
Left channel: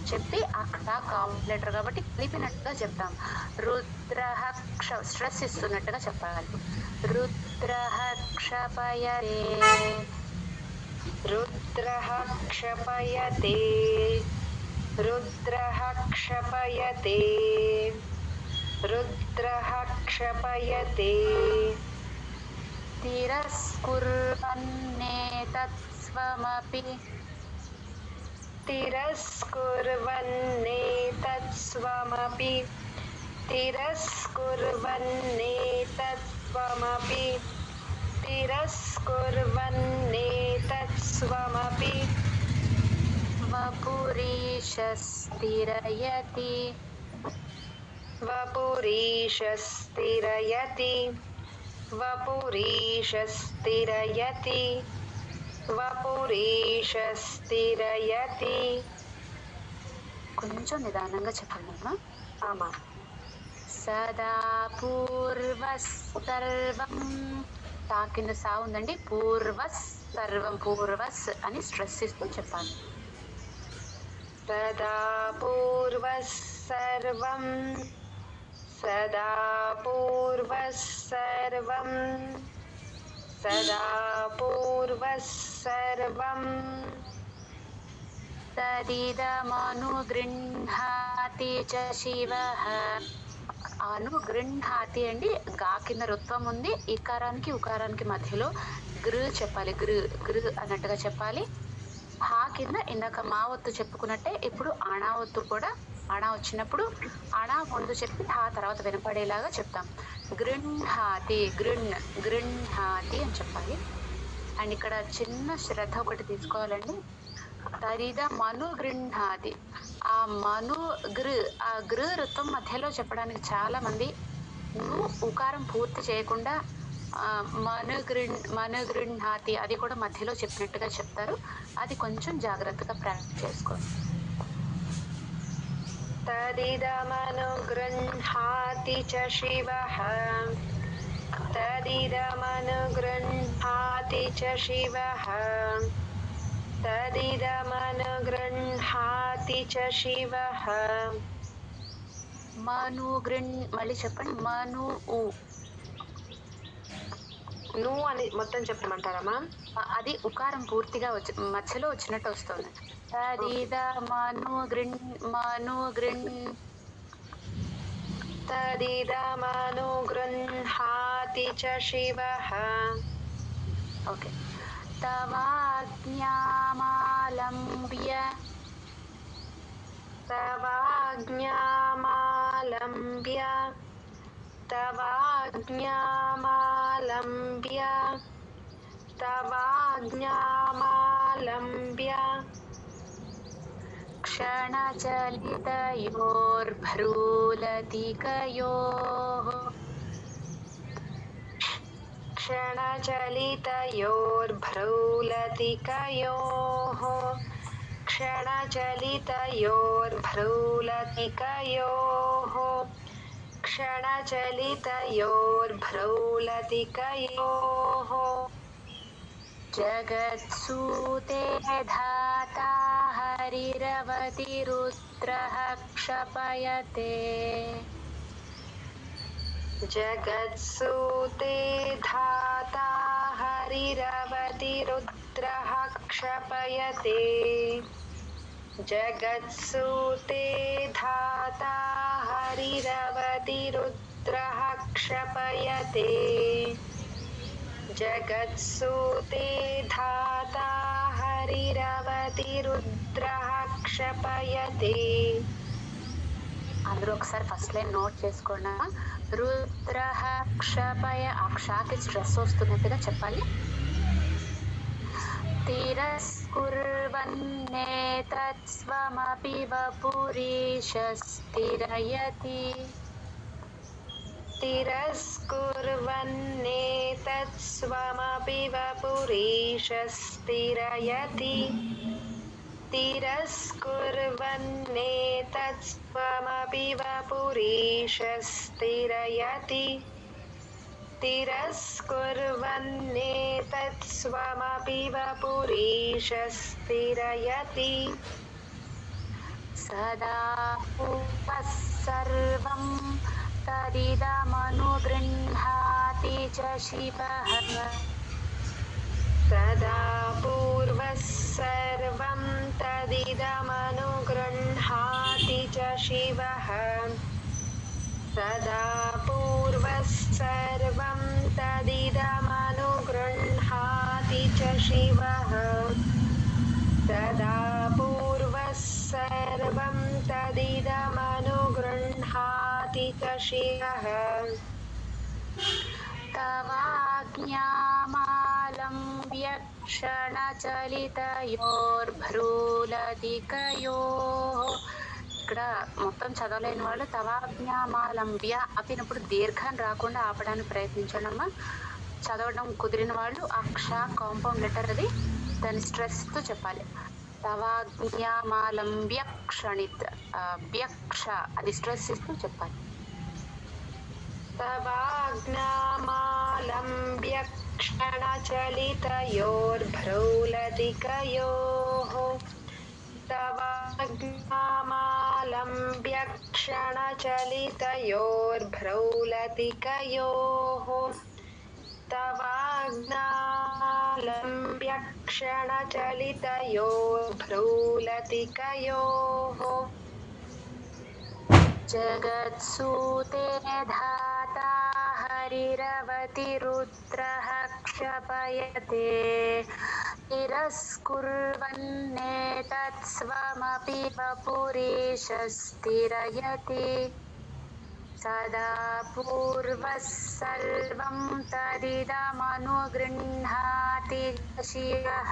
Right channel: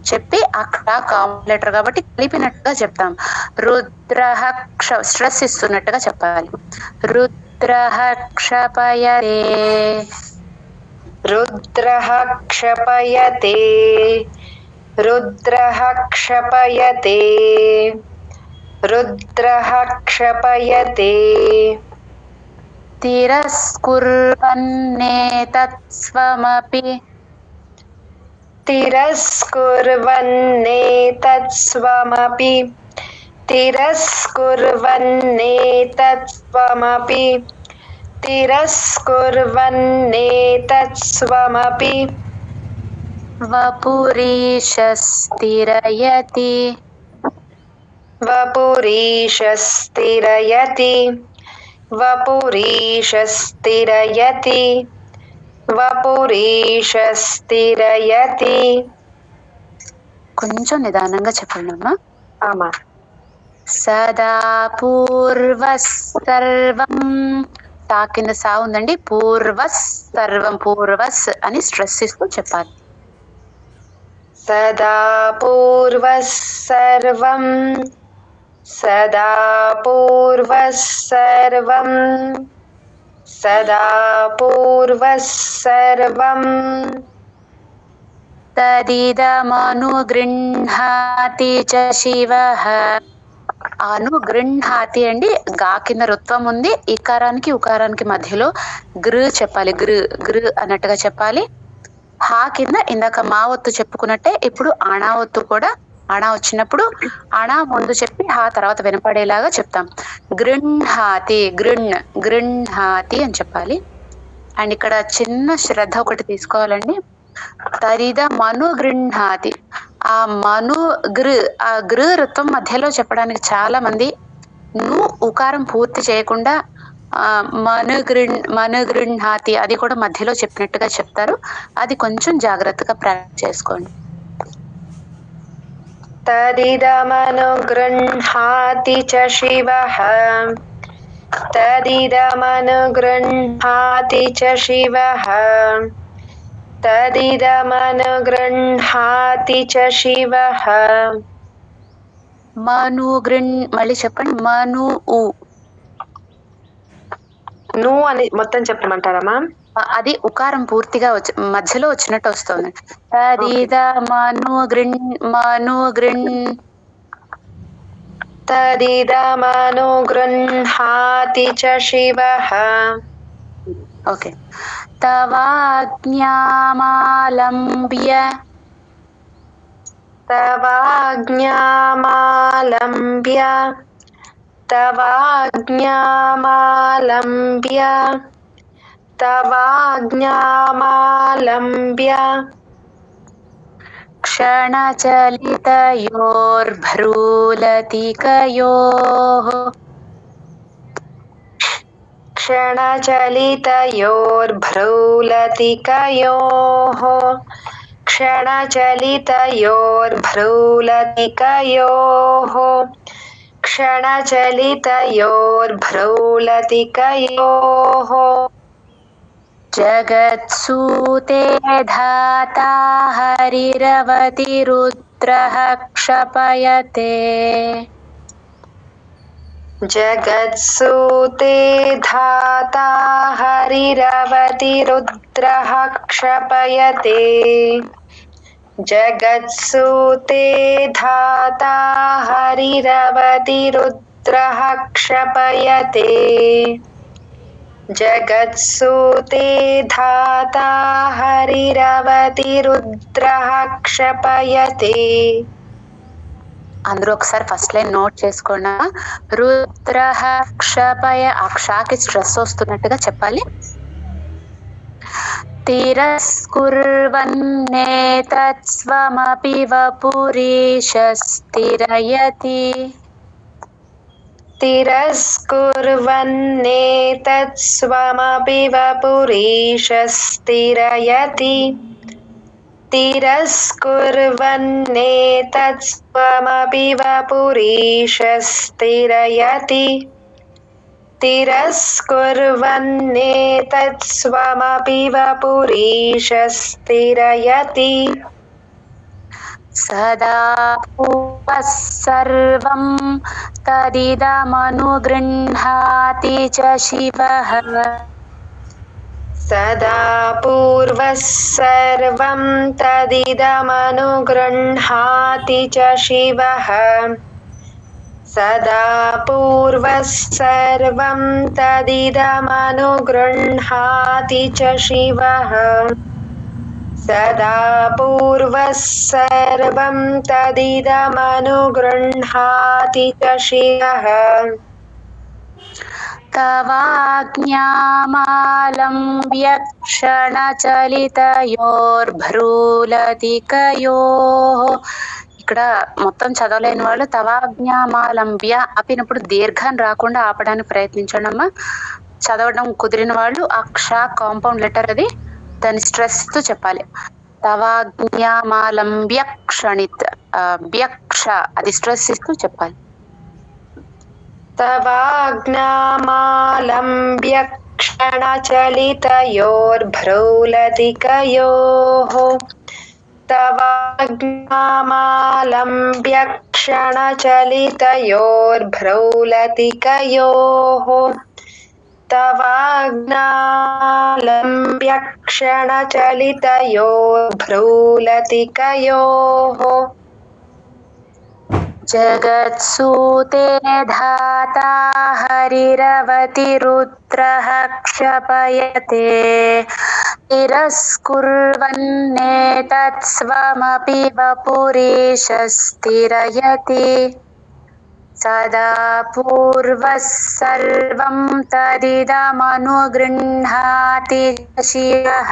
చెప్పి అక్కడ కాంప్లెటర్ కాబట్టి కలిపినట్టుగా చెప్తాం. రుద్రః స్ట్రెస్ ఇస్తున్నట్టుగా చెప్పాలి. రుద్రః క్షపయతే రుద్రః క్షపయతే రుద్రః క్షపయతే రుద్రః క్షపయతే తిరస్కుర్వన్నేతత్స్వమపి తిరస్కుర్వన్నేతత్స్వమపి తిరస్కుర్వన్నేతత్స్వమపి తిరస్కుర్వన్నేతత్స్వమపి వపురీషస్థిరయతి వపురీషస్థిరయతి వపురీషస్థిరయతి వపురీషస్థిరయతి. కొంచెం నిదానంగా చెప్పండి అమ్మా. ఆమా. సదా పూర్వసర్వం తా కింద సా ఉందండి. పూర్వసర్వం పూర్వస్ అని స్ట్రెస్ ఇస్తూ చెప్పాలి. సదా పూర్వసర్వం సదా పూర్వసర్వం సదా పూర్వసర్వం తదిదమనుగృహ్ణాతి చ శివః. అనుగృహ్ణాతి అండి. గా కింద రుత్వం ఉంది. ఇకారానికి ఉకారానికి మధ్యలో గృ చెప్పాలి. గృ గృ అన్నట్టుగా చెప్పాలి. హా కింద ఇందాక మా ఒత్తు చెప్పుకున్నట్టే ఇప్పుడు అణా ఒత్తు కూడా అణా వచ్చినప్పుడు అణా ముందు చెప్పి హా తర్వాత వినపడేలాగా చెప్తాం. గృహ్ణాతి గృహ్ణాతి అని చెప్పాలి. అండ్ ఇక్కడ చిన్న శ్రద్ధ ఒకటి తీసుకోవాలండి. తరిద మను గృహ్ణాతి. ఆ మను ఆ గృ ఋత్వం మధ్యలో చెప్పడానికి చాలా మంది ఉకారం పూర్తి చేయకుండా మనుగృహ్ణాతి అది కూడా మధ్యలో చెప్పినట్టుగా చెప్తారు. అది కొంచెం జాగ్రత్తగా ప్రాక్టీస్ చేసుకోండి. తదిదమనుగృహ్ణాతి చ శివః తదిదమనుగృహ్ణాతి చ శివః తదిదమనుగృహ్ణాతి చ శివః మను గృణ్ మళ్ళీ చెప్పండి. మను ఉ ను అని మొత్తం చెప్పమంటారా మ్యామ్? అది ఉకారం పూర్తిగా మధ్యలో వచ్చినట్టు వస్తుంది. తదిద మను గృణ్ మను గృణ్ తదిదమను గృహాతి చ శివః. ఓకే. తవాజ్ఞామాలంబ్య తవాజ్ఞామాలంబ్య తవాజ్ఞామాలంబ్య తవాజ్ఞామాలంబ్య క్షణచలితయోర్భ్రూలతికయోః క్షణచలితయోర్భ్రూలతికయోః క్షణచలితయోర్భ్రూలతికయోః క్షణచలితయోర్భ్రూలతికయోః జగత్సూతే ధాతా హరిరవతిరుద్రః క్షపయతే. జగత్సూతే ధాతా హరిరవతిరుద్రః క్షపయతే. జగత్సూతే ధాతా హరిరవతిరుద్రః క్షపయతే. జగత్సూతే ధాతా హరిరవతిరుద్రః క్షపయతే. అందరూ ఒకసారి ఫస్ట్ లైన్ నోట్ చేసుకోండి. రుద్రః క్షపయ, ఆ క్షాకి స్ట్రెస్ వస్తున్నట్టుగా చెప్పాలి. తిరస్కుర్వన్నేతత్స్వమపి వపురీశస్థిరయతి. తిరస్కుర్వన్నేతత్స్వమపి వపురీశస్థిరయతి. తిరస్కుర్వన్నేతత్స్వమపి వపురీశస్థిరయతి. తిరస్కుర్వన్నేతత్స్వమపి వపురీశస్థిరయతి. సదా పూర్వః సర్వం తదిదమనుగృహాతి చ శివః. సదా పూర్వః సర్వం తదిదమనుగృహాతి చ శివః. సదా పూర్వః సర్వం తదిదమనుగృహాతి చ శివః. సదా పూర్వః సర్వం తదిదమనుగృహాతి చ శివః. తవాజ్ఞామాలంబ్య క్షణచలితయోర్భ్రూలతికయోః. ఇక్కడ మొత్తం చదవలేని వాళ్ళు తవాజ్ఞామాలంబ్య ఆపినప్పుడు దీర్ఘం రాకుండా ఆపడానికి ప్రయత్నించండి అమ్మా. చదవడం కుదిరిన వాళ్ళు ఆ క్ష కాంపౌండ్ లెటర్ అది దాని స్ట్రెస్ తో చెప్పాలి. తవాజ్ఞామాలంబ్య క్షణిత్ వ్యక్ష అది స్ట్రెస్ ఇస్తూ చెప్పాలి. తవాజ్ఞామాలంబ్య క్షణచలితయోర్భ్రూలతికయోః. తవాజ్ఞామాలంబ్య క్షణచలితయోర్భ్రూలతికయోః. తవాజ్ఞామాలంబ్య క్షణచలితయోర్భ్రూలతికయోః. జగత్సూతే ధాతా హరిరవతిరుద్రః క్షపయతే. తిరస్కుర్వన్నేతత్స్వమపి వపురీశస్థిరయతి. సదా పూర్వః సర్వం తదిదమనుగృహాతి శివః.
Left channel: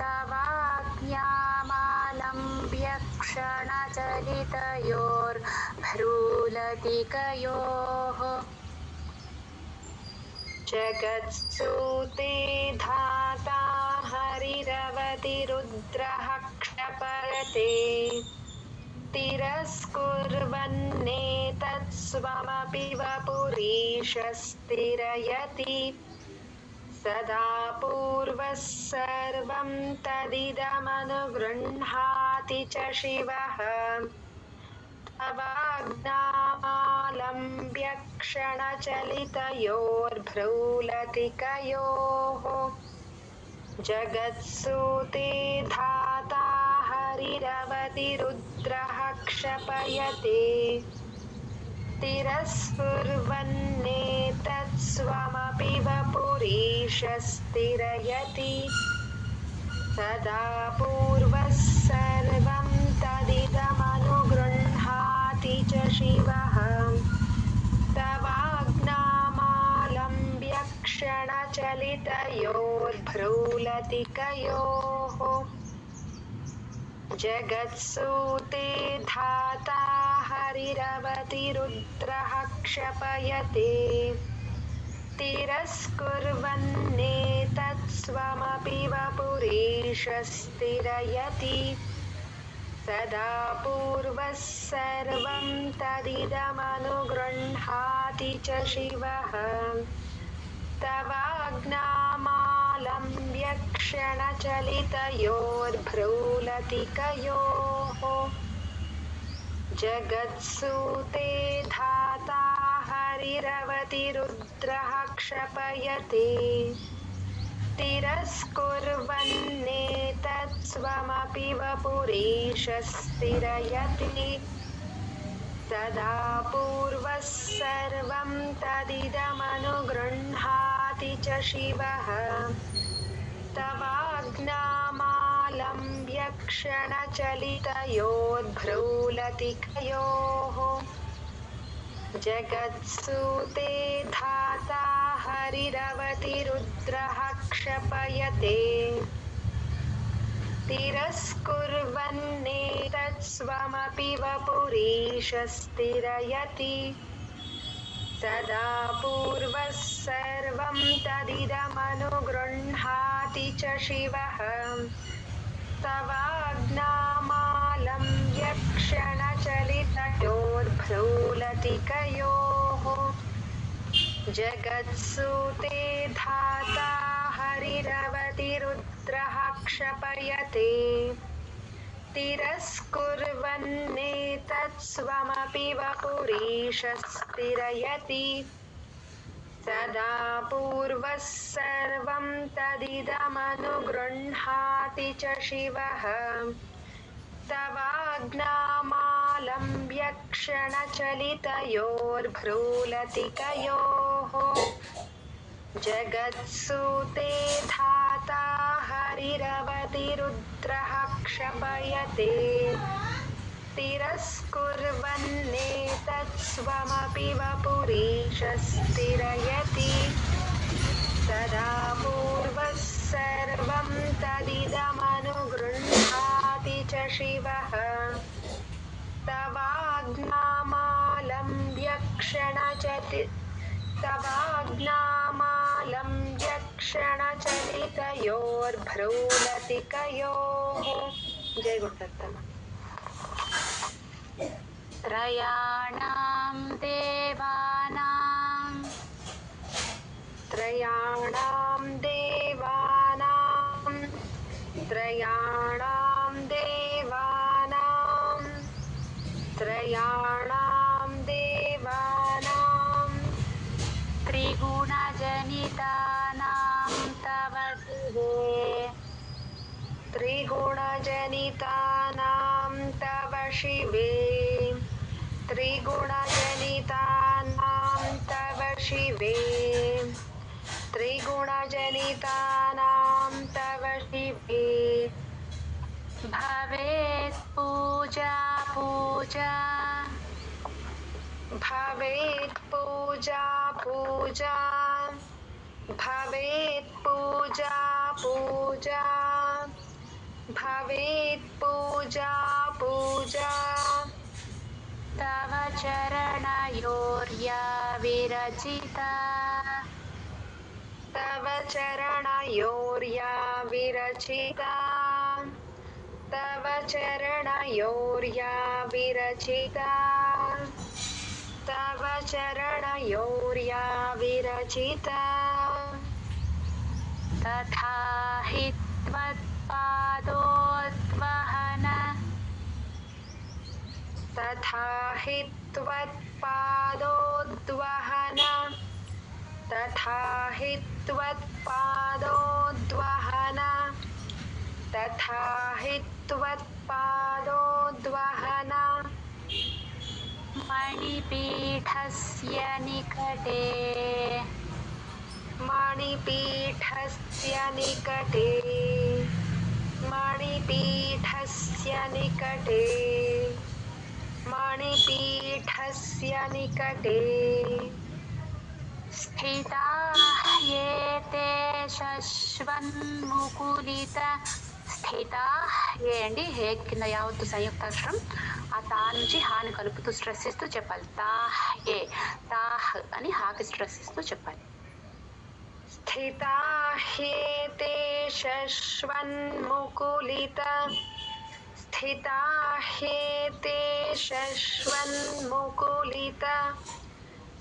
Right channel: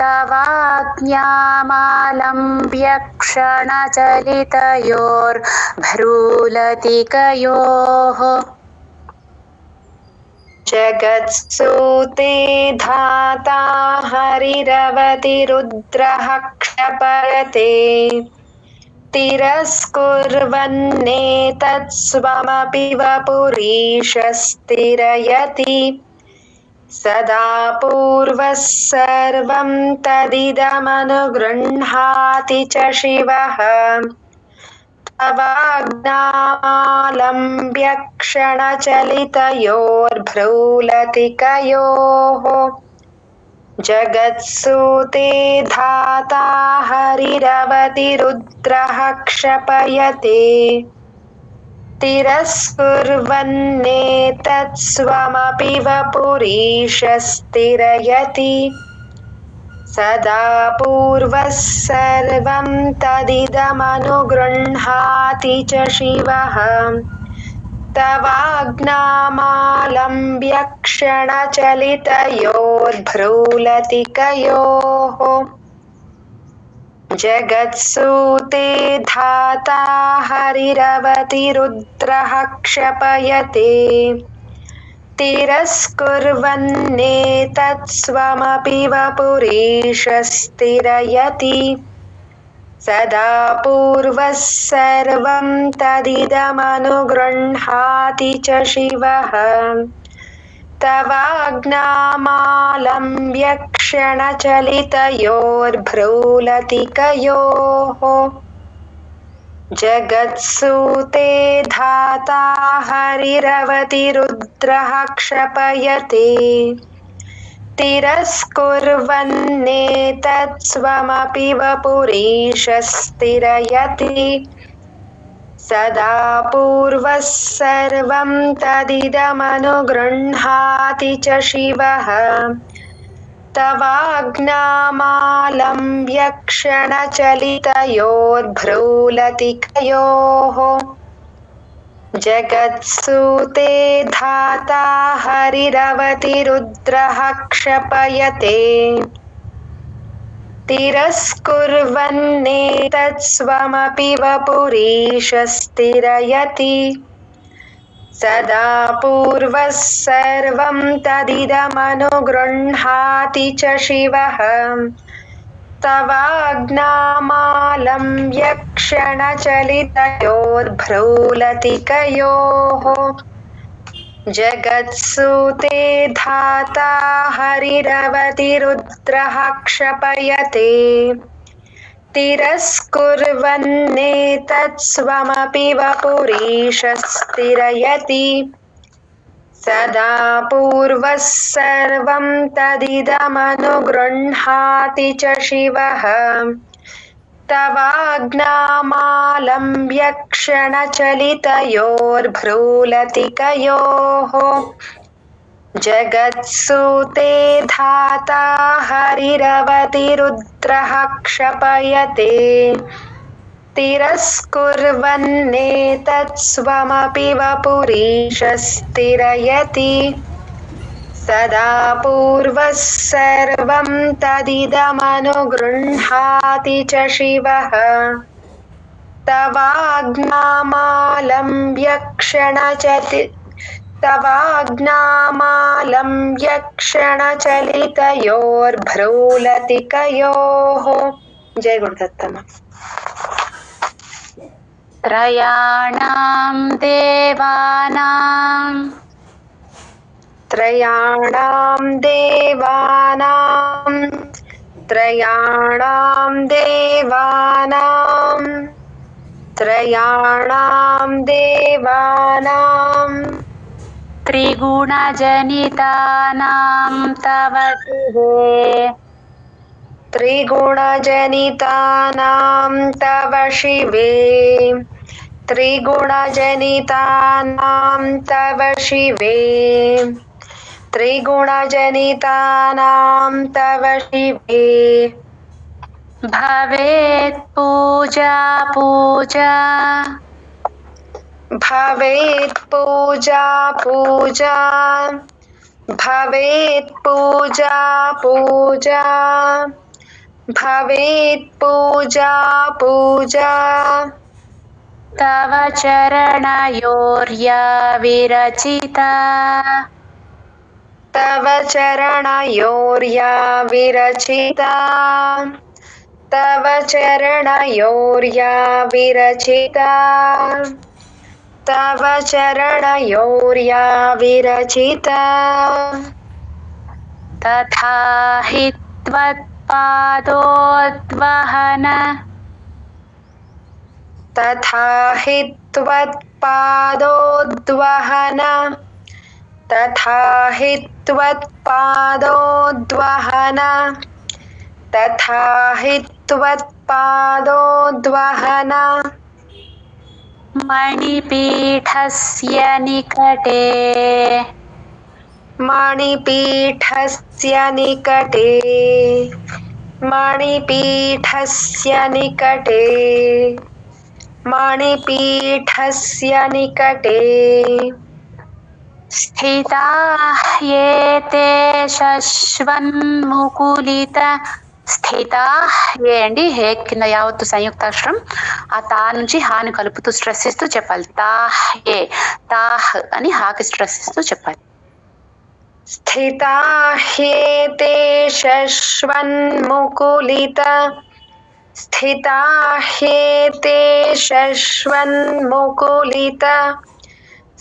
తవాజ్ఞామాలంబ్య క్షణచలితయోర్భ్రూలతికయోః. జగత్సూతే ధాతా హరిరవతిరుద్రః క్షపయతే. తిరస్కుర్వన్నేతత్స్వమపి వపురీశస్థిరయతి. సదా పూర్వః సర్వం తదిదమనుగృహాతి చ శివః. तवाज्ञामालम्ब्य क्षणचलितयोर्भ्रूलतिकयोः जगत्सूते धाता हरिरवतिरुद्रः क्षपयते तिरस्कुर्वन्नेतत्स्वमपि वपुरीशस्तिरयति सदा पूर्वः सर्वं तदिदमनुगृह्णाति च शिवः तवाज्ञामालम्ब्य क्षणचलितयोर्भ्रूलतिकयोः जगत्सूते धाता हरिरवतिरुद्रः क्षपयते तिरस्कुर्वन्नेतत्स्वमपि वपुरीशस्तिरयति सदा पूर्वः सर्वं तदिदमनुगृह्णाति च शिवः तवाज्ञामालम्ब्य क्षणचलितयोर्भ्रूलतिकयोः जगत्सूते धाता हरिरवतिरुद्रः क्षपयते तिरस्कुर्वन्नेतत्स्वमपि वपुरीशस्तिरयति सदा पूर्वः सर्वं तदिदमनुगृह्णाति च शिवः तवाज्ञामालम्ब्य क्षणचलितयोर्भ्रूलतिकयोः जगत्सूते धाता हरिरवतिरुद्रः क्षपयते तिरस्कुर्वन्नेतत्स्वमपि वपुरीशस्तिरयति सदा पूर्वः सर्वं तदिदमनुगृह्णाति च शिवः तवाज्ञामालम्ब्य क्षणचलितयोर्भ्रूलतिकयोः जगत्सूते धाता हरिरवतिरुद्रः क्षपयते तिरस्कुर्वन्नेतत्स्वमपि वपुरीशस्तिरयति सदा पूर्वः सर्वं तदिदमनुगृह्णाति च शिवः तवाज्ञामालम्ब्य क्षणचलितयोर्भ्रूलतिकयोः जगत्सूते धाता हरिरवतिरुद्रः क्षपयते तिरस्कुर्वन्नेतत्स्वमपि वपुरीशस्तिरयति सदा पूर्वः सर्वं तदिदमनुगृह्णाति च शिवः तवाज्ञामालम्ब्य क्षणचलितयोर्भ्रूलतिकयोः जय गुरुदत्तम त्रयाणां देवानां त्रयाणां देवानां त्रयाणां देवानां त्रयाणां देवानां त्रिगुणजनितानां तव शिवे त्रिगुणजनितानां तव शिवे त्रिगुणजनितानां तव शिवे त्रिगुणजनितानां तव शिवे भवेत् पूजा पूजा भवेत् पूजा पूजा भवेत् पूजा पूजा भवेत् पूजा पूजा तव चरणयोर्या विरचिता तव चरणयोर्या विरचिता तव चरणयोर्या विरचिता तव चरणयोर्या विरचिता तथा हि त्वत्पादोद्वहन तथा हि त्वत्पादोद्वहन तथा हि त्वत्पादोद्वहन तथा हि त्वत्पादोद्वहन मणिपीठस्य निकटे मणिपीठस्य निकटे मणिपीठस्य निकटे मणिपीठस्य निकटे स्थिताः एते शश्वन्मुकुलित స్థితాహ్ ఏ అండి హే కింద యావత్తు సంయుక్తాక్షరం ఆ తా నుంచి హాని కలుపుతూ స్ట్రెస్ ఇస్తూ చెప్పాలి తాహ్ ఏ తాహ్ అని హాకి స్ట్రెస్ ఇస్తూ చెప్పాలి స్థితాహ్యేతే శశ్వన్ముకులిత స్థితాహ్యేతే శశ్వన్ముకులిత